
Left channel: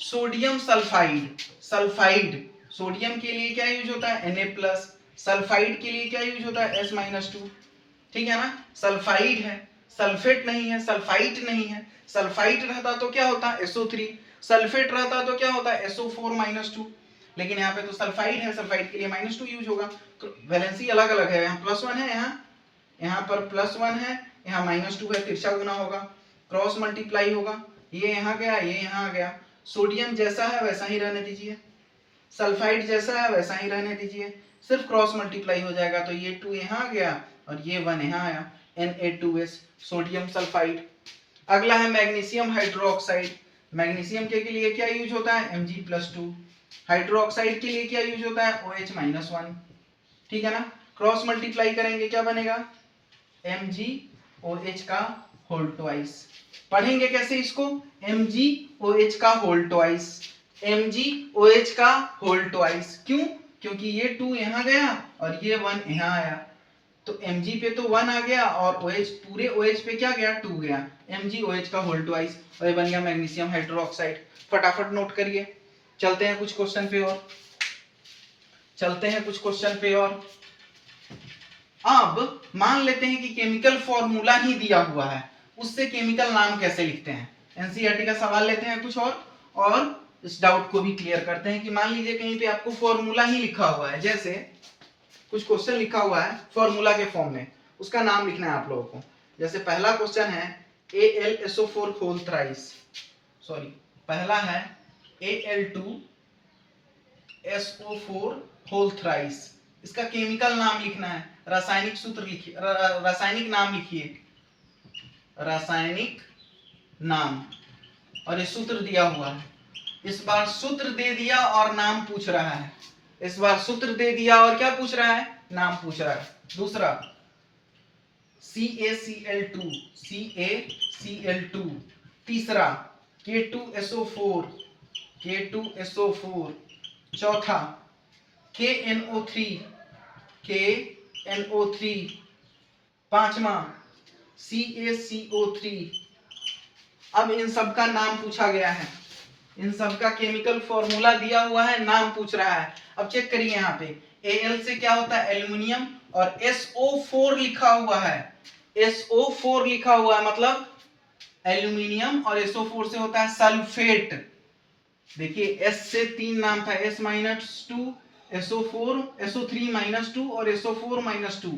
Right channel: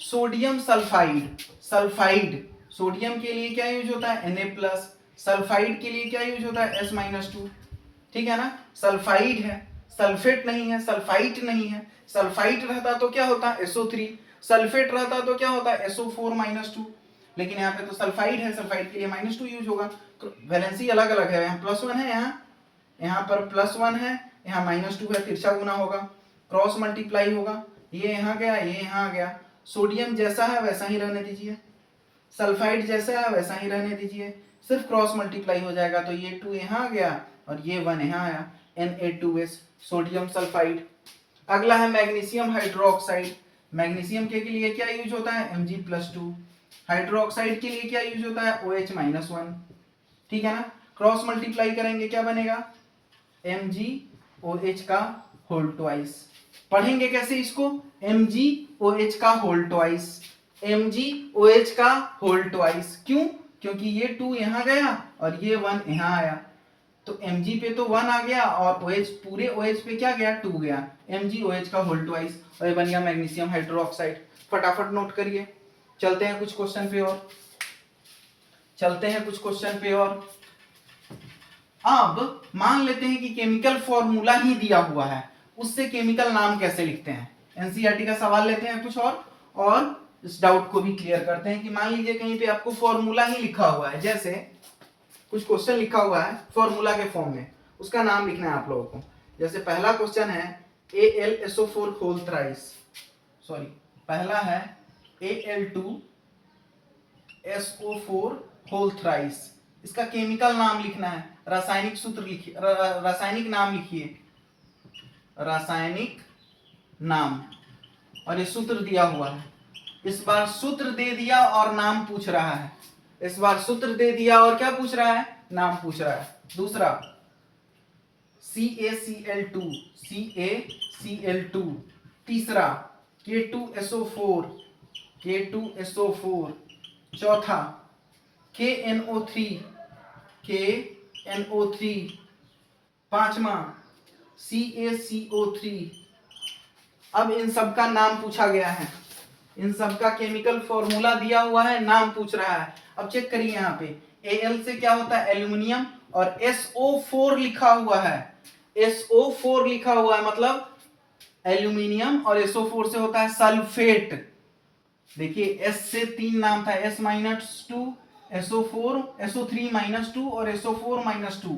सोडियम सल्फाइड, सल्फाइड सोडियम के लिए क्या यूज होता है Na+, सल्फाइड के लिए क्या यूज होता है S-2, ठीक है ना। सल्फाइड है, सल्फेट नहीं है, सल्फाइट नहीं है, सल्फाइट रहता तो क्या होता है SO3, सल्फेट रहता तो क्या होता है SO4-2, लेकिन यहाँ पे तो सल्फाइड है, सल्फाइड के लिए -2 यूज होगा, वैलेंसी अलग अलग है, यहाँ +1 है, यहाँ पर +1 है, यहाँ -2 है, तिरछा गुना होगा, क्रॉस मल्टीप्लाई होगा, ये यहाँ गया, ये यहाँ आ गया। सोडियम जैसा है वैसा ही रहने दीजिए, सल्फाइड जैसा है वैसा ही रहने दीजिए, सिर्फ क्रॉस मल्टीप्लाई हो जाएगा, तो ये 2 यहाँ आ गया और ये 1 यहाँ आया, Na2S सोडियम सल्फाइड। अगला है मैग्नीशियम हाइड्रोक्साइड, मैग्नीशियम के लिए क्या यूज होता है Mg+2, हाइड्रोक्साइड के लिए क्या यूज होता है OH-1, ठीक है ना। क्रॉस मल्टीप्लाई करेंगे क्या बनेगा MgOH का होल ट्वाइस। पढ़ेंगे कैसे इसको MgOH का होल ट्वाइस, MgOH का होल ट्वाइस, क्यों, क्योंकि ये 2 यहाँ गया और ये 1 यहाँ आया, तो Mg पे तो 1 आ गया और OH पूरे OH पे क्या गया 2 गया, MgOH का होल ट्वाइस, और ये बन गया मैग्नीशियम हाइड्रोक्साइड। फटाफट नोट करिए, चलते हैं कुछ क्वेश्चन पे और, चलते हैं कुछ क्वेश्चन पे और। अब मान लेते हैं कि केमिकल फॉर्मूला ही दिया हुआ है, उससे केमिकल नाम कैसे लिखते हैं, एनसीईआरटी का सवाल लेते हैं कुछ और इस डाउट को भी क्लियर करते हैं कि मान लीजिए कहीं पे आपको फॉर्मूला ही लिखा हुआ है, जैसे कुछ क्वेश्चन लिखा हुआ है फॉर्मूला के फॉर्म में, उसका नाम लिखना है आप लोगों को। जैसे पहला क्वेश्चन है AlSO4 होल थ्राइस, सॉरी पहला है Al2SO4 होल थ्राइस, इसका केमिकल नाम लिखना है, रासायनिक सूत्र लिखिए, रासायनिक नाम लिखिए, रासायनिक नाम, और ये सूत्र दिया हुआ है। इस बार सूत्र दे दिया और नाम पूछ रहा है। इस बार सूत्र दे दिया और क्या पूछ रहा है? नाम पूछ रहा है। दूसरा CaCl2, CaCl2। तीसरा K2SO4, K2SO4। चौथा KNO3, KNO3। पांचवा CaCO3। अब इन सब का नाम पूछा गया है, इन सब का केमिकल फॉर्मूला दिया हुआ है, नाम पूछ रहा है। अब चेक करिए यहाँ पे Al से क्या होता है? एल्यूमिनियम, और SO4 लिखा हुआ है। SO4 लिखा हुआ है मतलब एल्यूमिनियम, और SO4 से होता है सल्फेट। देखिए S से 3 नाम था, S-2, SO4, SO3-2 और SO4-2।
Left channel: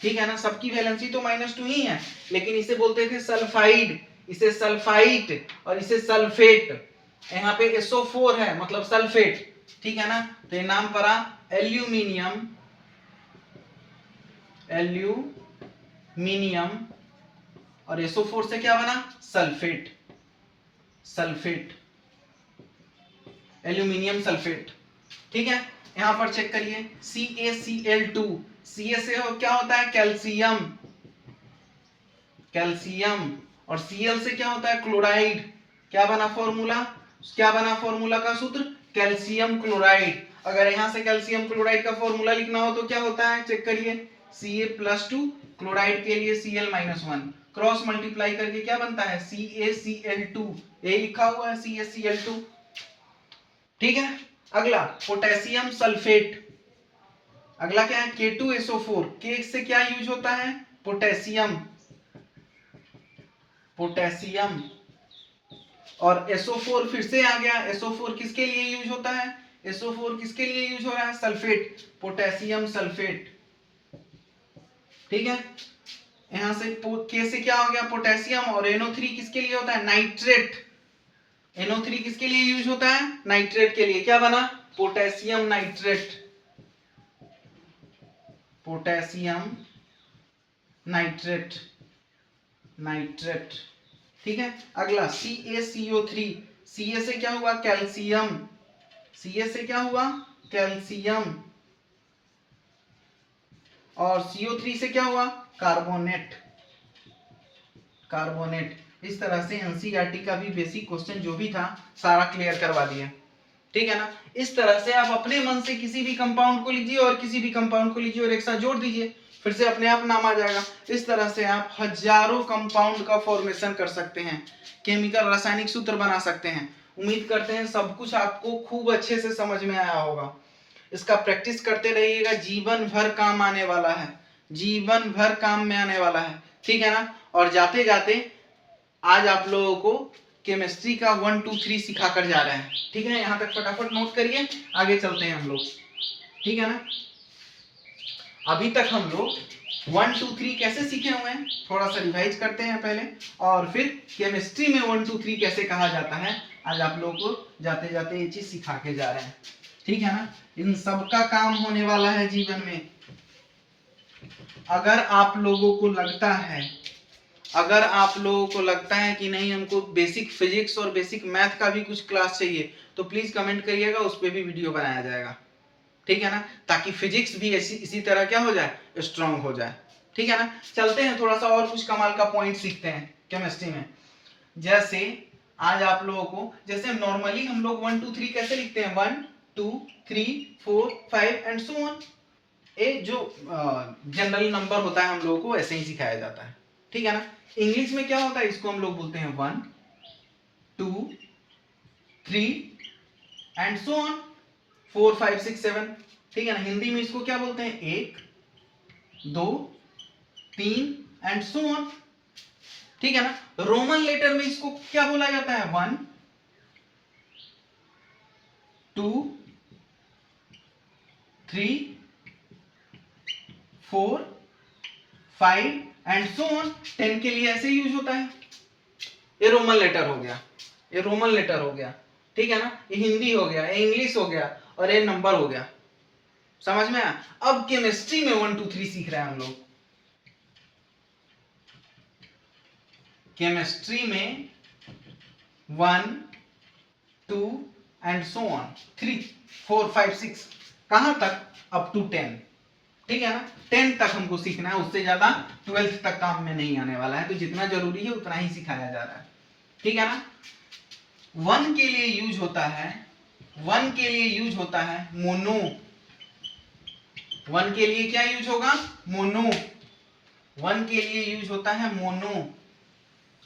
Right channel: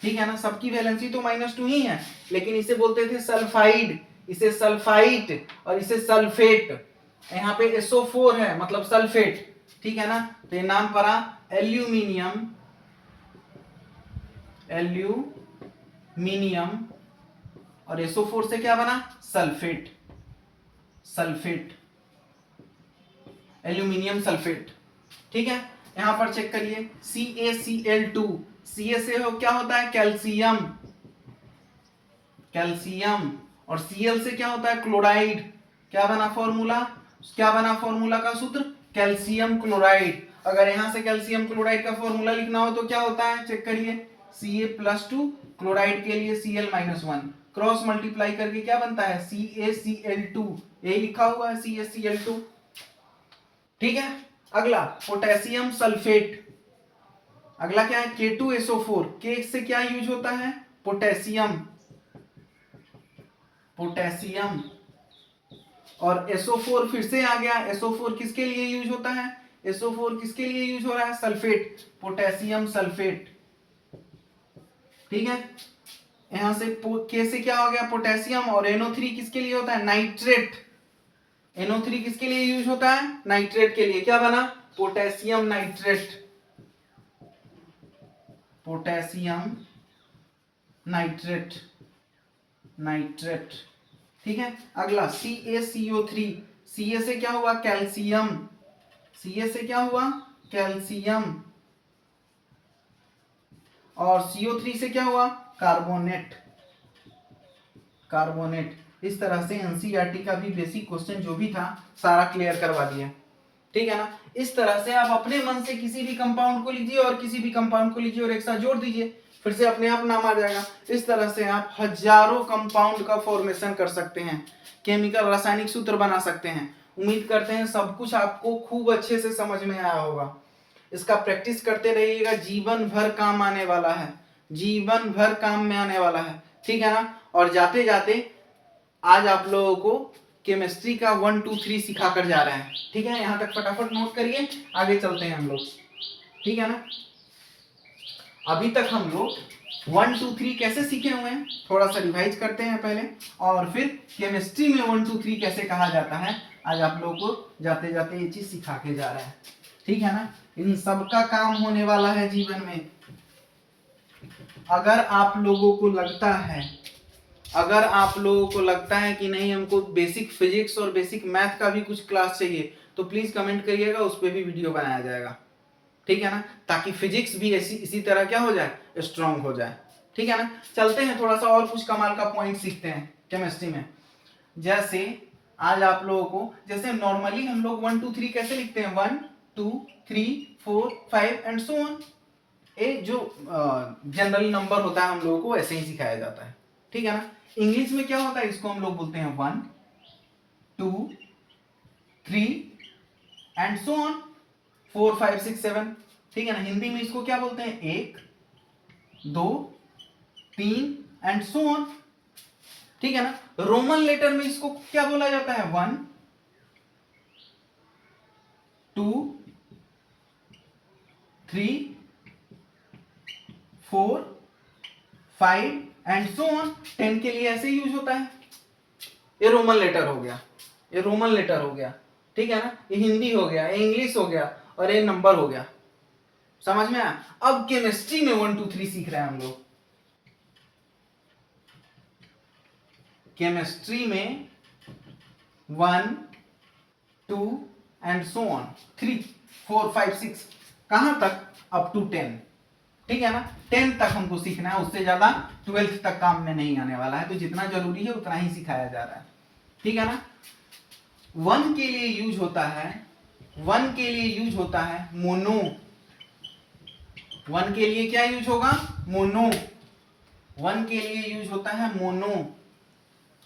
ठीक है ना, सबकी वैलेंसी तो -2 ही है, लेकिन इसे बोलते थे सल्फाइड, इसे सल्फाइट और इसे सल्फेट। यहाँ पे SO4 है मतलब सल्फेट। ठीक है ना, तो ये नाम पड़ा एल्यूमिनियम, एल्यूमिनियम, और SO4 से क्या बना? Sulphate, sulphate, aluminium sulphate. ठीक है, यहां पर चेक करिए CaCl2। Ca से क्या होता है? कैल्शियम, कैल्शियम, और Cl से क्या होता है? क्लोराइड। क्या बना फॉर्मूला? क्या बना फॉर्मूला का सूत्र? Calcium chloride. अगर यहां से कैल्शियम क्लोराइड का फॉर्मूला लिखना हो तो क्या होता है? चेक करिए Ca+2, क्लोराइड के लिए Cl-1, क्रॉस मल्टीप्लाई करके क्या बनता है? CaCl2। यही लिखा हुआ है CaCl2। ठीक है, अगला पोटेशियम सल्फेट। अगला क्या है? K2SO4। K से क्या यूज होता है? पोटेशियम, पोटेशियम, और SO4 फिर से आ गया। SO4 किसके लिए यूज होता है? SO4 किसके लिए यूज हो रहा है? Sulphate, potassium sulphate. ठीक है, यहां से K से क्या हो गया? पोटेशियम, और NO3 किसके लिए होता है? नाइट्रेट। NO3 किसके लिए यूज होता है? नाइट्रेट के लिए। क्या बना? Potassium nitrate, potassium nitrate, nitrate. ठीक है, अगला CaCO3। Ca से क्या हुआ? कैल्शियम, Ca से क्या हुआ? कैल्शियम, और CO3 से क्या हुआ? Carbonate, carbonate. इस तरह से एनसीईआरटी का भी बेसिक क्वेश्चन जो भी था सारा क्लियर करवा दिया। ठीक है ना, इस तरह से आप अपने मन से किसी भी कंपाउंड को लीजिए और किसी भी कंपाउंड को लीजिए और एक साथ जोड़ दीजिए, फिर से अपने आप नाम आ जाएगा। इस तरह से आप हजारों कंपाउंड का फॉर्मेशन कर सकते हैं, केमिकल रासायनिक सूत्र बना सकते हैं। उम्मीद करते हैं सब कुछ आपको खूब अच्छे से समझ में आया होगा। इसका प्रैक्टिस करते रहिएगा, जीवन भर काम आने वाला है, जीवन भर काम में आने वाला है। ठीक है ना, और जाते जाते आज आप लोगों को केमिस्ट्री का 1 2 3 सिखा कर जा रहे हैं। ठीक है, यहां तक फटाफट नोट करिए, आगे चलते हैं हम लोग। ठीक है ना, अभी तक हम लोग 1 2 3 कैसे सीखे हुए हैं, थोड़ा सा रिवाइज करते हैं पहले, और फिर केमिस्ट्री में 1 2 3 कैसे कहा जाता है आज आप लोगों को जाते जाते ये चीज सिखा के जा रहे हैं। ठीक है ना, इन सब का काम होने वाला है जीवन में। अगर आप लोगों को लगता है, अगर आप लोगों को लगता है कि नहीं हमको बेसिक फिजिक्स और बेसिक मैथ का भी कुछ क्लास चाहिए, तो प्लीज कमेंट करिएगा, उस पर भी वीडियो बनाया जाएगा। ठीक है ना, ताकि फिजिक्स भी इसी तरह क्या हो जाए? स्ट्रांग हो जाए। ठीक है ना, चलते हैं थोड़ा सा और कुछ कमाल का पॉइंट सीखते हैं केमिस्ट्री में। जैसे आज आप लोगों को, जैसे नॉर्मली हम लोग 1 2 3 कैसे लिखते हैं? 1 2 3 4 5 एंड सो ऑन। ये जो जनरल नंबर होता है हम लोगों को ऐसे ही सिखाया जाता है। ठीक है ना, इंग्लिश में क्या होता है? इसको हम लोग बोलते हैं 1 2 3 एंड सो ऑन, 4 5 6 7। ठीक है ना, हिंदी में इसको क्या बोलते हैं? 1 2 3 एंड सो ऑन। ठीक है ना, रोमन लेटर में इसको क्या बोला जाता है? 1 2 3 4 5 एंड सो ऑन। 10 के लिए ऐसे यूज होता है। ये रोमन लेटर हो गया, ये रोमन लेटर हो गया। ठीक है ना, ये हिंदी हो गया, ये इंग्लिश हो गया, और ये नंबर हो गया। समझ में आया? अब केमिस्ट्री में 1 2 3 सीख रहे हैं हम लोग। केमिस्ट्री में 1 2 एंड सो ऑन, 3 4 5 6, कहां तक? Up to 10। ठीक है ना, 10 तक हमको सीखना है, उससे ज्यादा 12th तक काम में नहीं आने वाला है, तो जितना जरूरी है उतना ही सिखाया जा रहा है। ठीक है ना। 1 के लिए यूज होता है, 1 के लिए यूज होता है मोनो। 1 के लिए क्या यूज होगा? मोनो। 1 के लिए यूज होता है मोनो।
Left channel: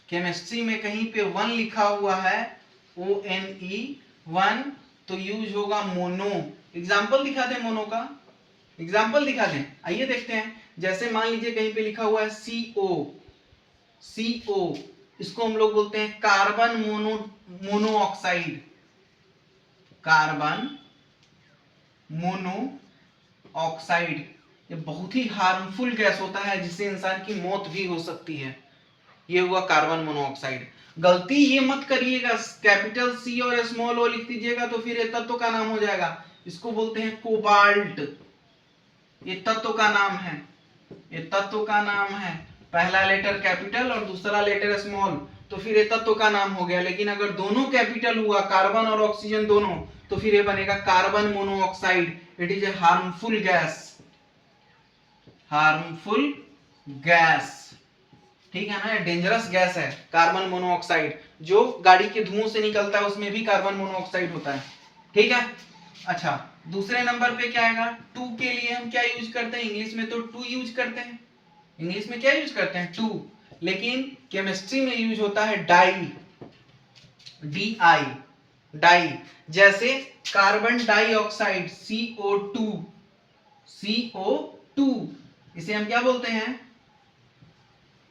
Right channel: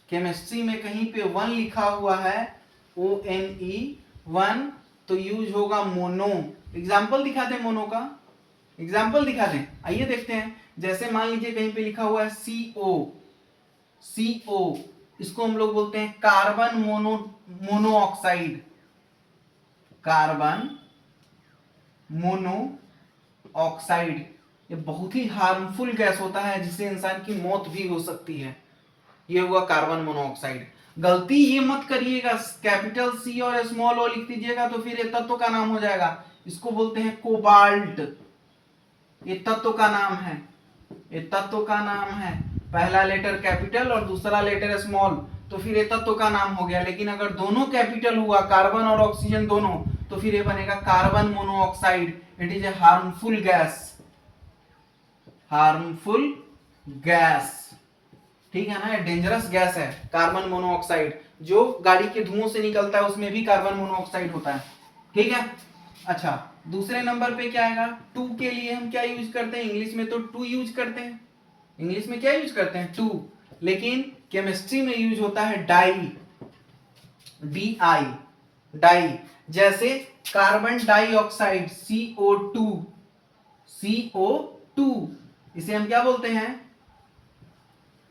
केमिस्ट्री में कहीं पे 1 लिखा हुआ है, ONE 1, तो यूज होगा मोनो। एग्जाम्पल दिखा दें मोनो का, एग्जाम्पल दिखा दें, आइए देखते हैं। जैसे मान लीजिए कहीं पे लिखा हुआ है CO, इसको हम लोग बोलते हैं कार्बन मोनोऑक्साइड। कार्बन मोनोऑक्साइड, ये बहुत ही हार्मफुल गैस होता है, जिससे इंसान की मौत भी हो सकती है। ये हुआ कार्बन मोनोऑक्साइड। गलती ये मत करिएगा, कैपिटल C और स्मॉल ओ लिख दीजिएगा तो फिर ये तत्व का नाम हो जाएगा। इसको बोलते हैं कोबाल्ट। ये तत्व का नाम है, ये तत्व का नाम है। पहला लेटर कैपिटल और दूसरा लेटर स्मॉल, तो फिर ये तत्व का नाम हो गया। लेकिन अगर दोनों कैपिटल हुआ, कार्बन और ऑक्सीजन दोनों, तो फिर ये बनेगा carbon monoxide. It is a harmful gas, harmful gas. ठीक है ना, डेंजरस गैस है कार्बन मोनोऑक्साइड। जो गाड़ी के धुओं से निकलता है उसमें भी कार्बन मोनोऑक्साइड होता है। ठीक है। अच्छा, दूसरे नंबर पे क्या आएगा? 2 के लिए हम क्या यूज करते हैं? इंग्लिश में तो 2 यूज करते हैं। इंग्लिश में क्या यूज करते हैं? 2। लेकिन केमिस्ट्री में यूज होता है डाई, DI, डाई। जैसे कार्बन डाइऑक्साइड CO2, इसे हम क्या बोलते हैं?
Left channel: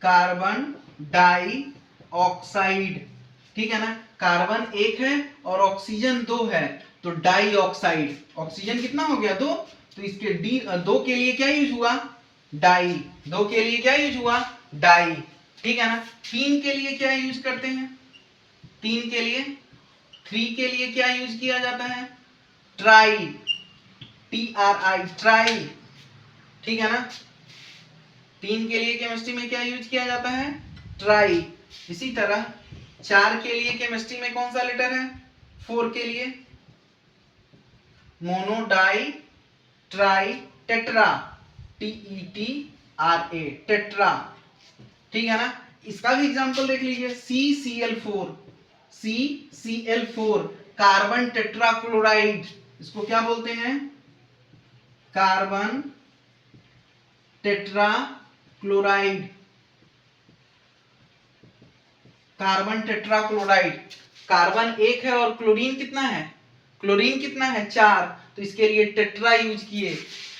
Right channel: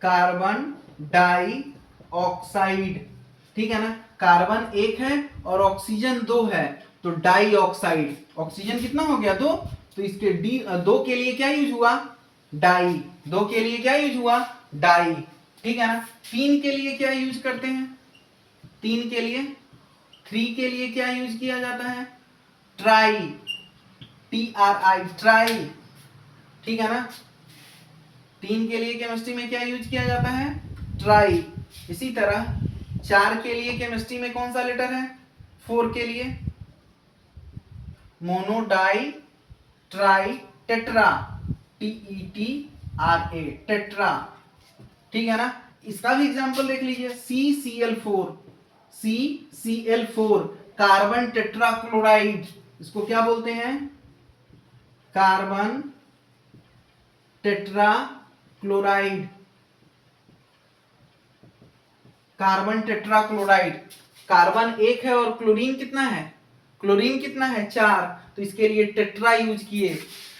Carbon dioxide. ठीक है ना, कार्बन 1 है और ऑक्सीजन 2 है, तो डाइऑक्साइड। ऑक्सीजन कितना हो गया? 2, तो इसके 2 के लिए क्या यूज हुआ? डाई। 2 के लिए क्या यूज हुआ? डाई। ठीक है ना। 3 के लिए क्या यूज करते हैं? 3 के लिए, 3 के लिए क्या यूज किया जाता है? Try, TRI, try. ठीक है ना। 3 के लिए केमिस्ट्री में क्या यूज किया जाता है? ट्राई। इसी तरह 4 के लिए केमिस्ट्री में कौन सा लेटर है? 4 के लिए mono di tri tetra, TETRA, tetra. ठीक है ना। इसका भी एग्जांपल देख लीजिए, CCl4, कार्बन टेट्राक्लोराइड। इसको क्या बोलते हैं? Carbon tetrachloride, carbon tetrachloride. Carbon 1 है और क्लोरीन कितना है? क्लोरीन कितना है? 4, तो इसके लिए टेट्रा यूज किए।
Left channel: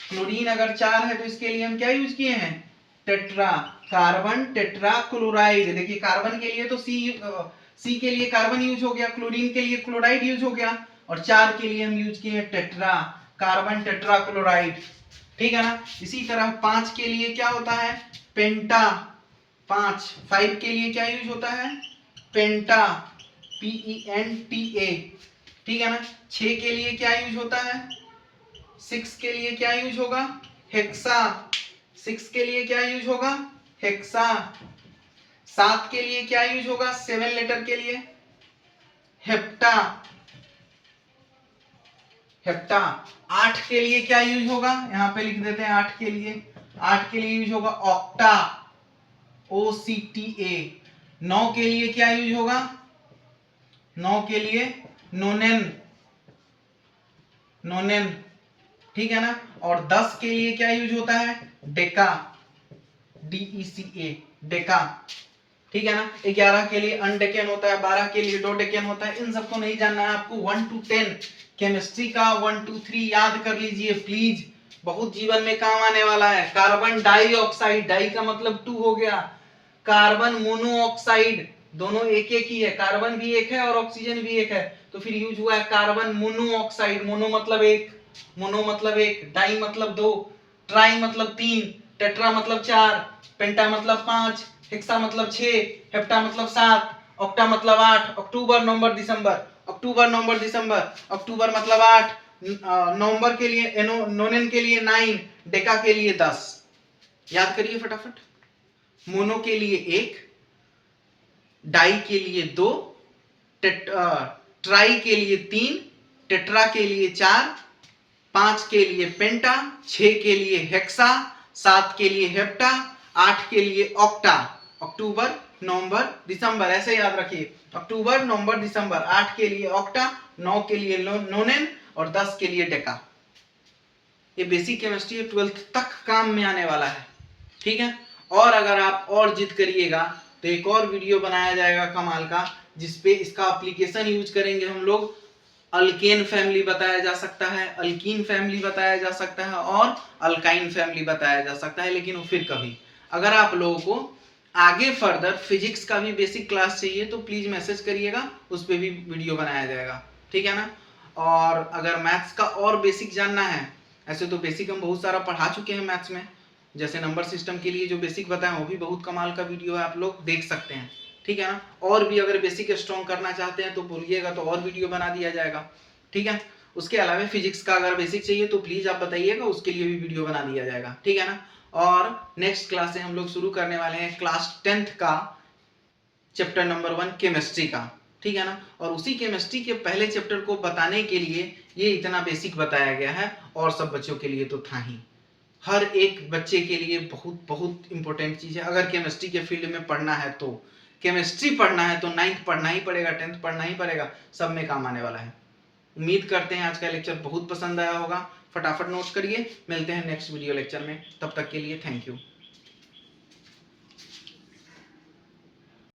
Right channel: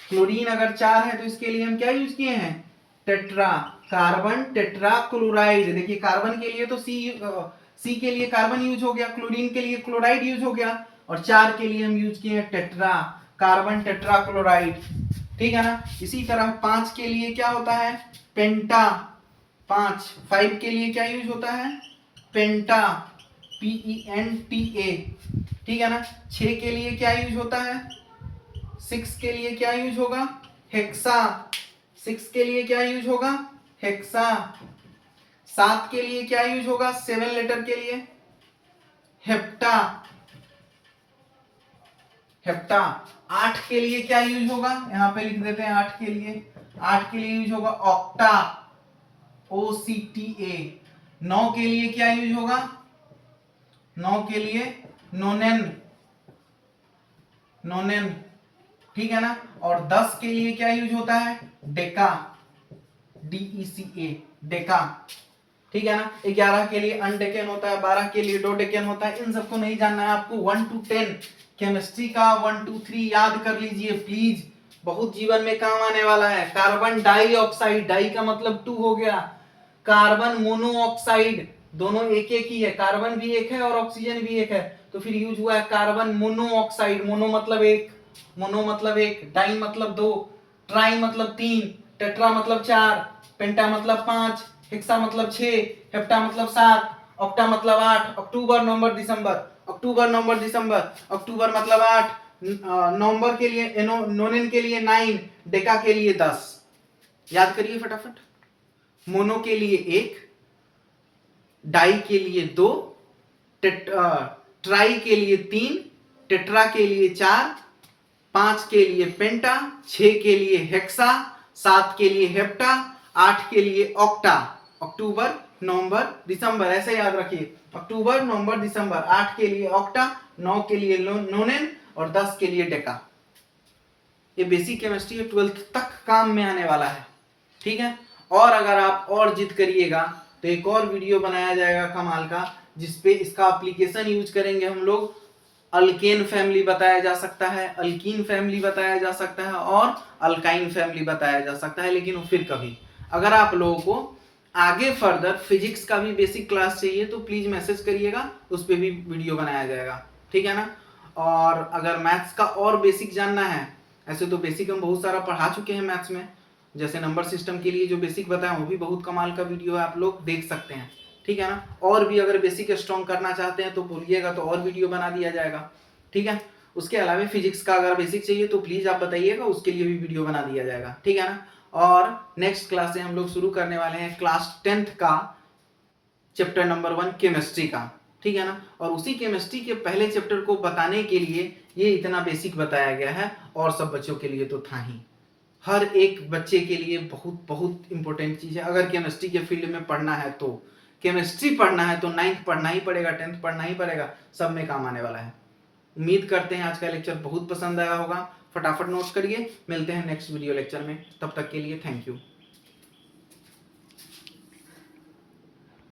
क्लोरीन अगर 4 है तो इसके लिए हम क्या यूज किए हैं? Tetra, carbon tetrachloride. देखिए कार्बन के लिए तो सी के लिए कार्बन यूज हो गया, क्लोरीन के लिए क्लोराइड यूज हो गया, और 4 के लिए हम यूज किए टेट्रा, कार्बन टेट्राक्लोराइड। ठीक है ना। इसी तरह 5 के लिए क्या होता है? पेंटा। 5 के लिए क्या यूज होता है? पेंटा, PENTA। ठीक है ना। 6 के लिए क्या यूज होता है? 6 के लिए क्या यूज होगा? हेक्सा। 6 के लिए क्या यूज होगा? हेक्सा। 7 के लिए क्या यूज होगा? 7 लेटर के लिए हेप्टा, हेप्टा। 8 के लिए क्या यूज होगा? यहां पे लिख देते हैं 8 के लिए। 8 के लिए यूज होगा ऑक्टा, OCTA। 9 के लिए क्या यूज होगा? 9 के लिए नोनेन, नोनेन। ठीक है ना। और 10 के लिए क्या यूज होता है? डेका, DECA, डेका। ठीक है ना। 11 के लिए अनडेकेन होता है, 12 के लिए डोडेकेन होता है। इन सबको नहीं जानना है आपको। 1 to 10 केमिस्ट्री का 1 2 3 याद कर लीजिए प्लीज, बहुत जीवन में काम आने वाला है। कार्बन डाइऑक्साइड, डाई का मतलब 2 हो गया। कार्बन मोनोऑक्साइड, दोनों एक एक ही है, कार्बन भी एक है और ऑक्सीजन भी एक है, तो फिर यूज हुआ है कार्बन मोनोऑक्साइड। मोनो मतलब एक, मोनो मतलब एक, डाई मतलब 2, ट्राई मतलब 3, टेट्रा मतलब 4, पेंटा मतलब 5, हेक्सा मतलब 6, हेप्टा मतलब 7, ऑक्टा मतलब 8। अक्टूबर नवंबर दिसंबर, अक्टूबर नवंबर दिसंबर, अक्टूबर मतलब 8, नवंबर के लिए नोनेन के लिए 9, डेका के लिए 10। याद करिए फटाफट। मोनो के लिए 1, डाई के लिए 2, ट्राई के लिए 3, टेट्रा के लिए 4, 5 के लिए पेंटा, 6 के लिए हेक्सा, 7 के लिए हेप्टा, 8 के लिए ऑक्टा। अक्टूबर, नवंबर, दिसंबर, ऐसे याद रखिए, अक्टूबर, नवंबर, दिसंबर। 8 के लिए ऑक्टा, 9 के लिए नोनेन और 10 के लिए डेका। ये बेसिक केमिस्ट्री है, 12th तक काम में आने वाला है, ठीक है। और अगर आप और जिद करिएगा तो एक और वीडियो बनाया जाएगा कमाल का, जिसपे इसका एप्लीकेशन यूज करेंगे हम लोग। अल्केन फैमिली बताया जा सकता है, अल्कीन फैमिली बताया जा सकता है और अल्काइन फैमिली बताया जा सकता है, लेकिन फिर कभी अगर आप लोगों को आगे फर्दर फिजिक्स का भी बेसिक क्लास चाहिए तो प्लीज मैसेज करिएगा, उस पर भी वीडियो बनाया जाएगा, ठीक है ना। और अगर मैथ्स का और बेसिक जानना है, ऐसे तो बेसिक हम बहुत सारा पढ़ा चुके हैं मैथ्स में, जैसे नंबर सिस्टम के लिए जो बेसिक बताया वो भी बहुत कमाल का वीडियो है, आप लोग देख सकते हैं, ठीक है ना। और भी अगर बेसिक स्ट्रॉन्ग करना चाहते हैं तो बोलिएगा, तो और वीडियो बना दिया जाएगा, ठीक है। उसके अलावा फिजिक्स का अगर बेसिक चाहिए तो प्लीज आप बताइएगा, उसके लिए भी वीडियो बना दिया जाएगा, ठीक है ना। और नेक्स्ट क्लास से हम लोग शुरू करने वाले हैं क्लास 10th का चैप्टर नंबर 1 केमिस्ट्री का, ठीक है ना। और उसी केमिस्ट्री के पहले चैप्टर को बताने के लिए ये इतना बेसिक बताया गया है, और सब बच्चों के लिए तो था ही, हर एक बच्चे के लिए बहुत बहुत इंपॉर्टेंट चीज है। अगर केमिस्ट्री के फील्ड में पढ़ना है तो, केमिस्ट्री पढ़ना है तो 9th पढ़ना ही पड़ेगा, 10th पढ़ना ही पड़ेगा, सब में काम आने वाला है। उम्मीद करते हैं आज का लेक्चर बहुत पसंद आया होगा। फटाफट नोट्स करिए, मिलते हैं नेक्स्ट वीडियो लेक्चर में, तब तक के लिए थैंक यू।